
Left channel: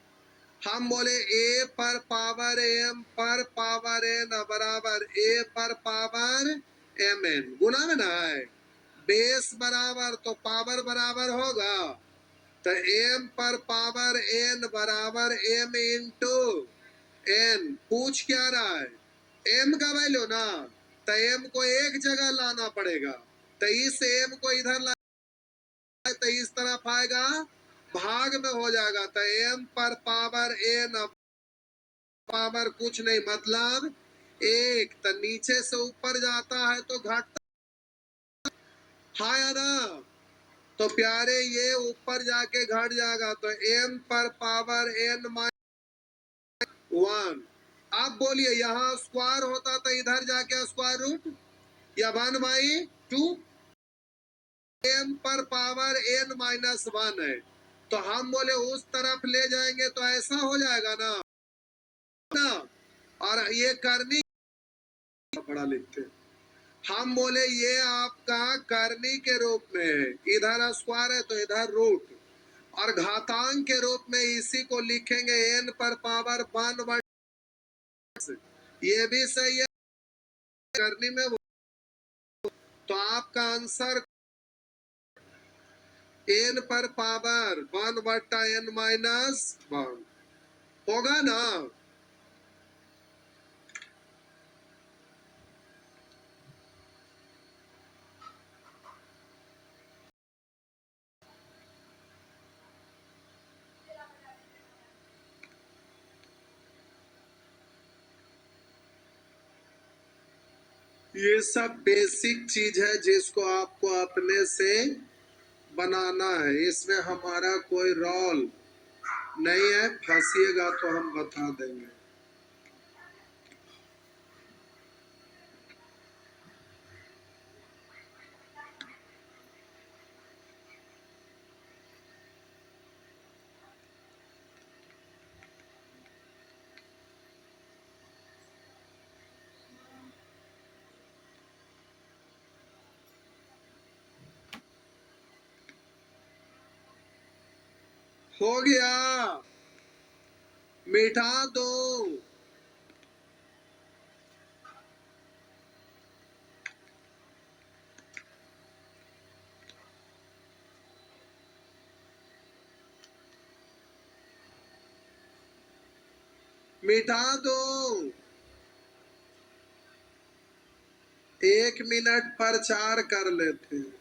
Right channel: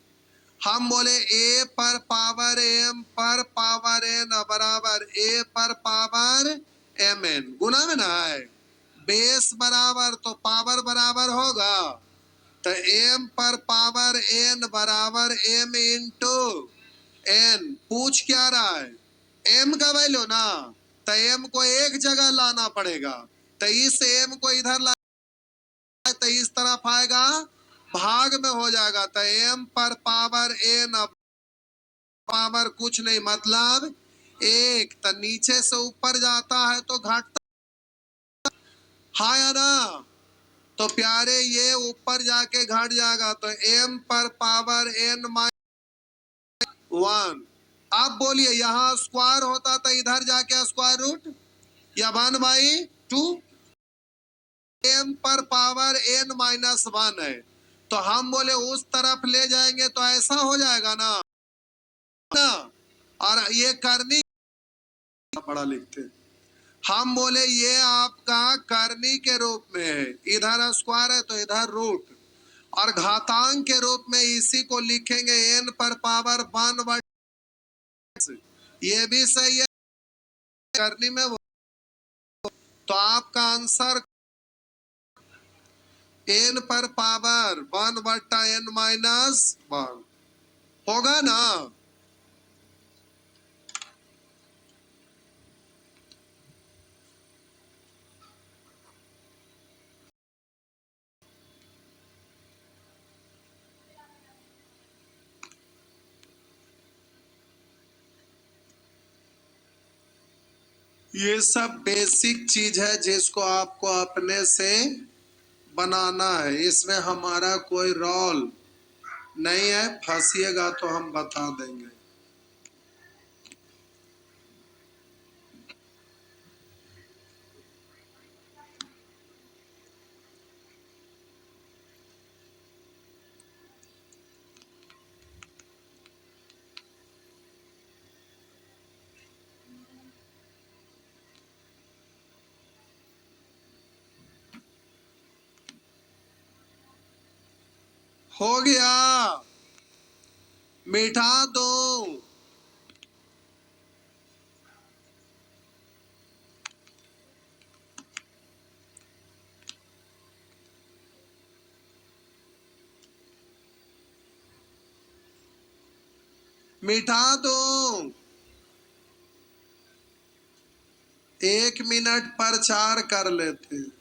हम बोले a पर पावर m पर पावर n बराबर a पर पावर mn, गुना ना है। बेस बराबर तो पावर बराबर होगा, तो m पर पावर n बराबर m इंटू n। पूछ क्या रहा है? m का वैल्यू ना, तो m को एक जगह लाना पड़ेगा। तो इस m को इधर ला, तो इस तरफ आएगा, भाग में हो जाएगा। तो m पर पावर n पावर कुछ नहीं, मतलब 1। तो नीचे से ऊपर जाता है तो घटता, हाँ या ना। तो प्यारे ये ऊपर जाके घट जाएगा, तो m पर पावर n - 1। आप बोलिए यहाँ स्क्वायर होता तो इधर जाके स्क्वायर रूट या 1/2, m पर पावर n - 1 है। तो हम बोले उस तरफ ले जाएंगे तो ऐसा हो जाएगा ना। और ये करनी बड़ा लिखते, हम बोले ये आपका करनी के रूप में है, इधर स्क्वायर है तो इधर रूट, और घातांक के रूप में इसी को लिखेंगे n पर पावर 1/, ये भी सही है करनी में। तो आपका आंसर n पर पावर 1/n-1 होगा ना। ये सब बेसिक चीज है जिसको आपको अपने से बनाना है, इसमें हमारा कोई रोल नहीं है। फंसिएगा तो हम बता देंगे। हो गया, मिटा दो। मिटा दो, 1 मिनट पर 4 कर लेते हैं।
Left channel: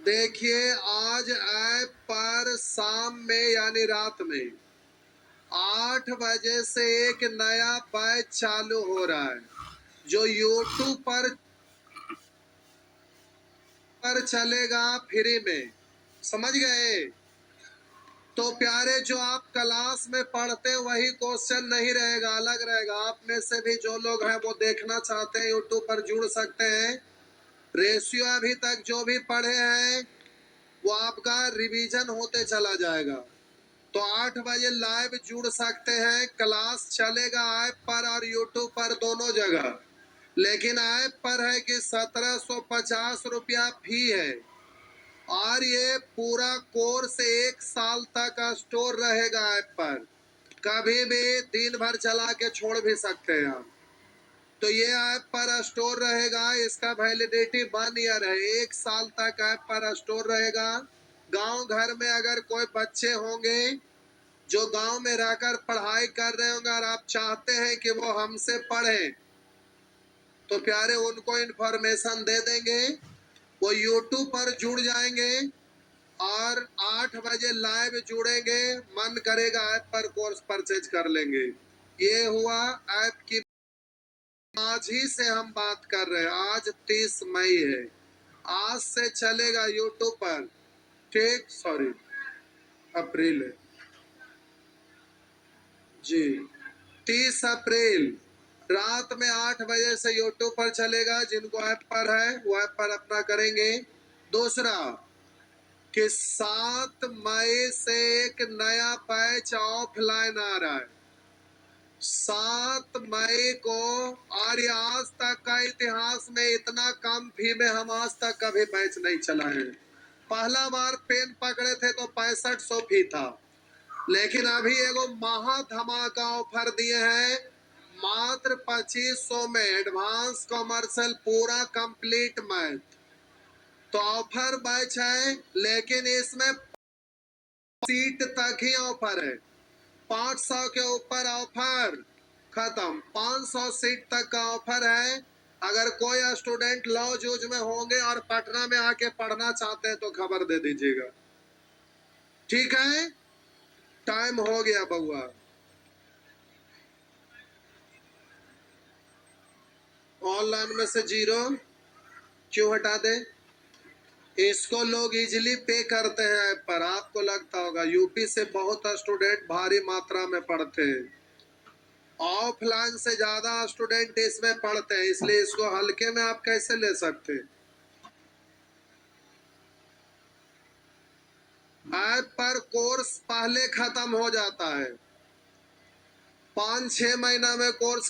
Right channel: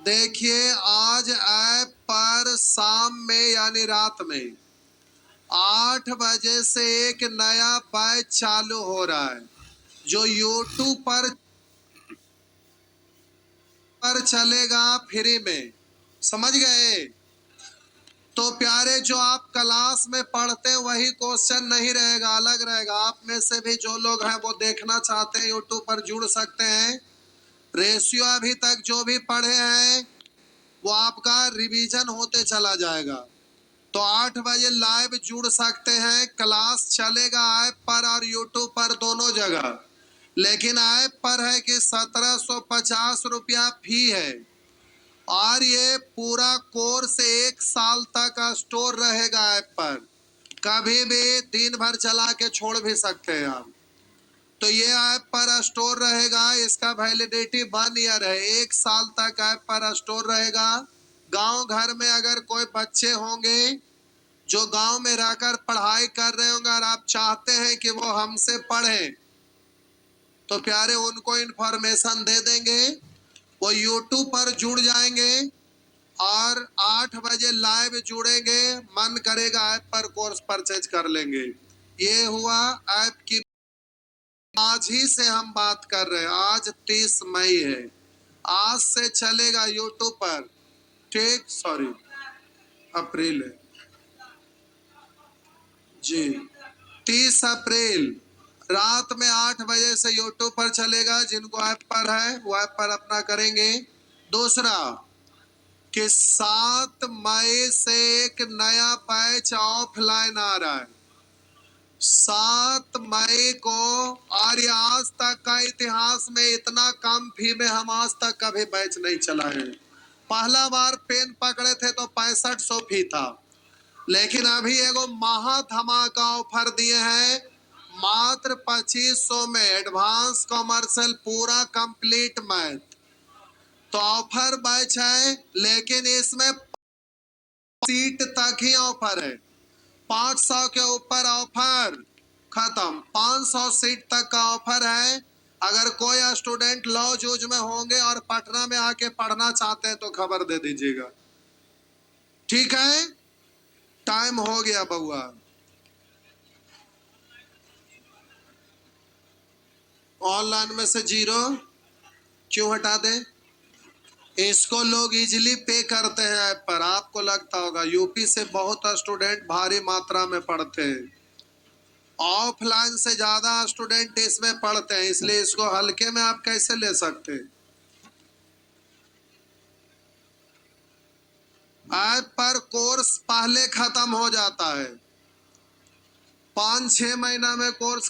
देखिए आज ऐप पर शाम में यानी रात में 8 बजे से एक नया बैच चालू हो रहा है जो YouTube पर चलेगा फ्री में, समझ गए। तो प्यारे जो आप क्लास में पढ़ते वही क्वेश्चन नहीं रहेगा, अलग रहेगा। आप में से भी जो लोग हैं वो देखना चाहते हैं YouTube पर जुड़ सकते हैं। रेशियो अभी तक जो भी पढ़े हैं वो आपका रिवीजन होते चला जाएगा। तो 8 बजे लाइव जुड़ सकते हैं, क्लास चलेगा ऐप पर और यूट्यूब पर दोनों जगह। लेकिन ऐप पर है कि 1750 रुपया फी है और ये पूरा कोर्स 1 साल तक स्टोर रहेगा ऐप पर। कभी भी दिन भर चला के छोड़ भी सकते हैं आप। तो ये ऐप पर स्टोर रहेगा, इसका वैलिडिटी 1 ईयर है, 1 साल तक ऐप पर स्टोर रहेगा। गांव घर में अगर कोई बच्चे होंगे जो गांव में रहकर पढ़ाई कर रहे होंगे और आप चाहते हैं कि वो हमसे पढ़ें, तो प्यारे उनको इंफॉर्मेशन दे देंगे, वो यूट्यूब पर जुड़ जाएंगे और 8 बजे लाइव जुड़ेंगे, मन करेगा ऐप पर कोर्स परचेज कर लेंगे। ये हुआ ऐप की। आज ही से हम बात कर रहे हैं, आज 30 मई है, आज से चलेगा यूट्यूब पर। ठीक, सॉरी अप्रैल है जी, 30 अप्रैल रात में 8 बजे से यूट्यूब पर चलेगा। जिनको ऐप पर है वो ऐप पर अपना करेंगे। दूसरा कि 7 मई से एक नया बैच ऑफलाइन आ रहा है, 7 मई को। और आज तक का इतिहास में इतना कम फी में हम आज तक कभी बैच नहीं चलाए हैं। पहला बार पेन पकड़े थे तो 6500 फी था, लेकिन अभी एगो महा धमाका ऑफर दिए हैं, मात्र 2500 में एडवांस कॉमर्शियल पूरा कंप्लीट मैथ। तो ऑफर बैच है, लेकिन इसमें सीट तक ही ऑफर है, 500 के ऊपर ऑफर खत्म। 500 सीट तक का ऑफर है। अगर कोई स्टूडेंट लॉ जूझ में होंगे और पटना में आके पढ़ना चाहते हैं तो खबर दे दीजिएगा, ठीक है। टाइम हो गया बउआ। ऑनलाइन में से 0 क्यों हटा दे? इसको लोग इजीली पे करते हैं ऐप पर। आपको लगता होगा यूपी से बहुत स्टूडेंट भारी मात्रा में पढ़ते हैं, ऑफलाइन से ज्यादा स्टूडेंट इसमें पढ़ते हैं, इसलिए इसको हल्के में आप कैसे ले सकते हैं। ऐप पर कोर्स पहले खत्म हो जाता है, 5-6 महीना में कोर्स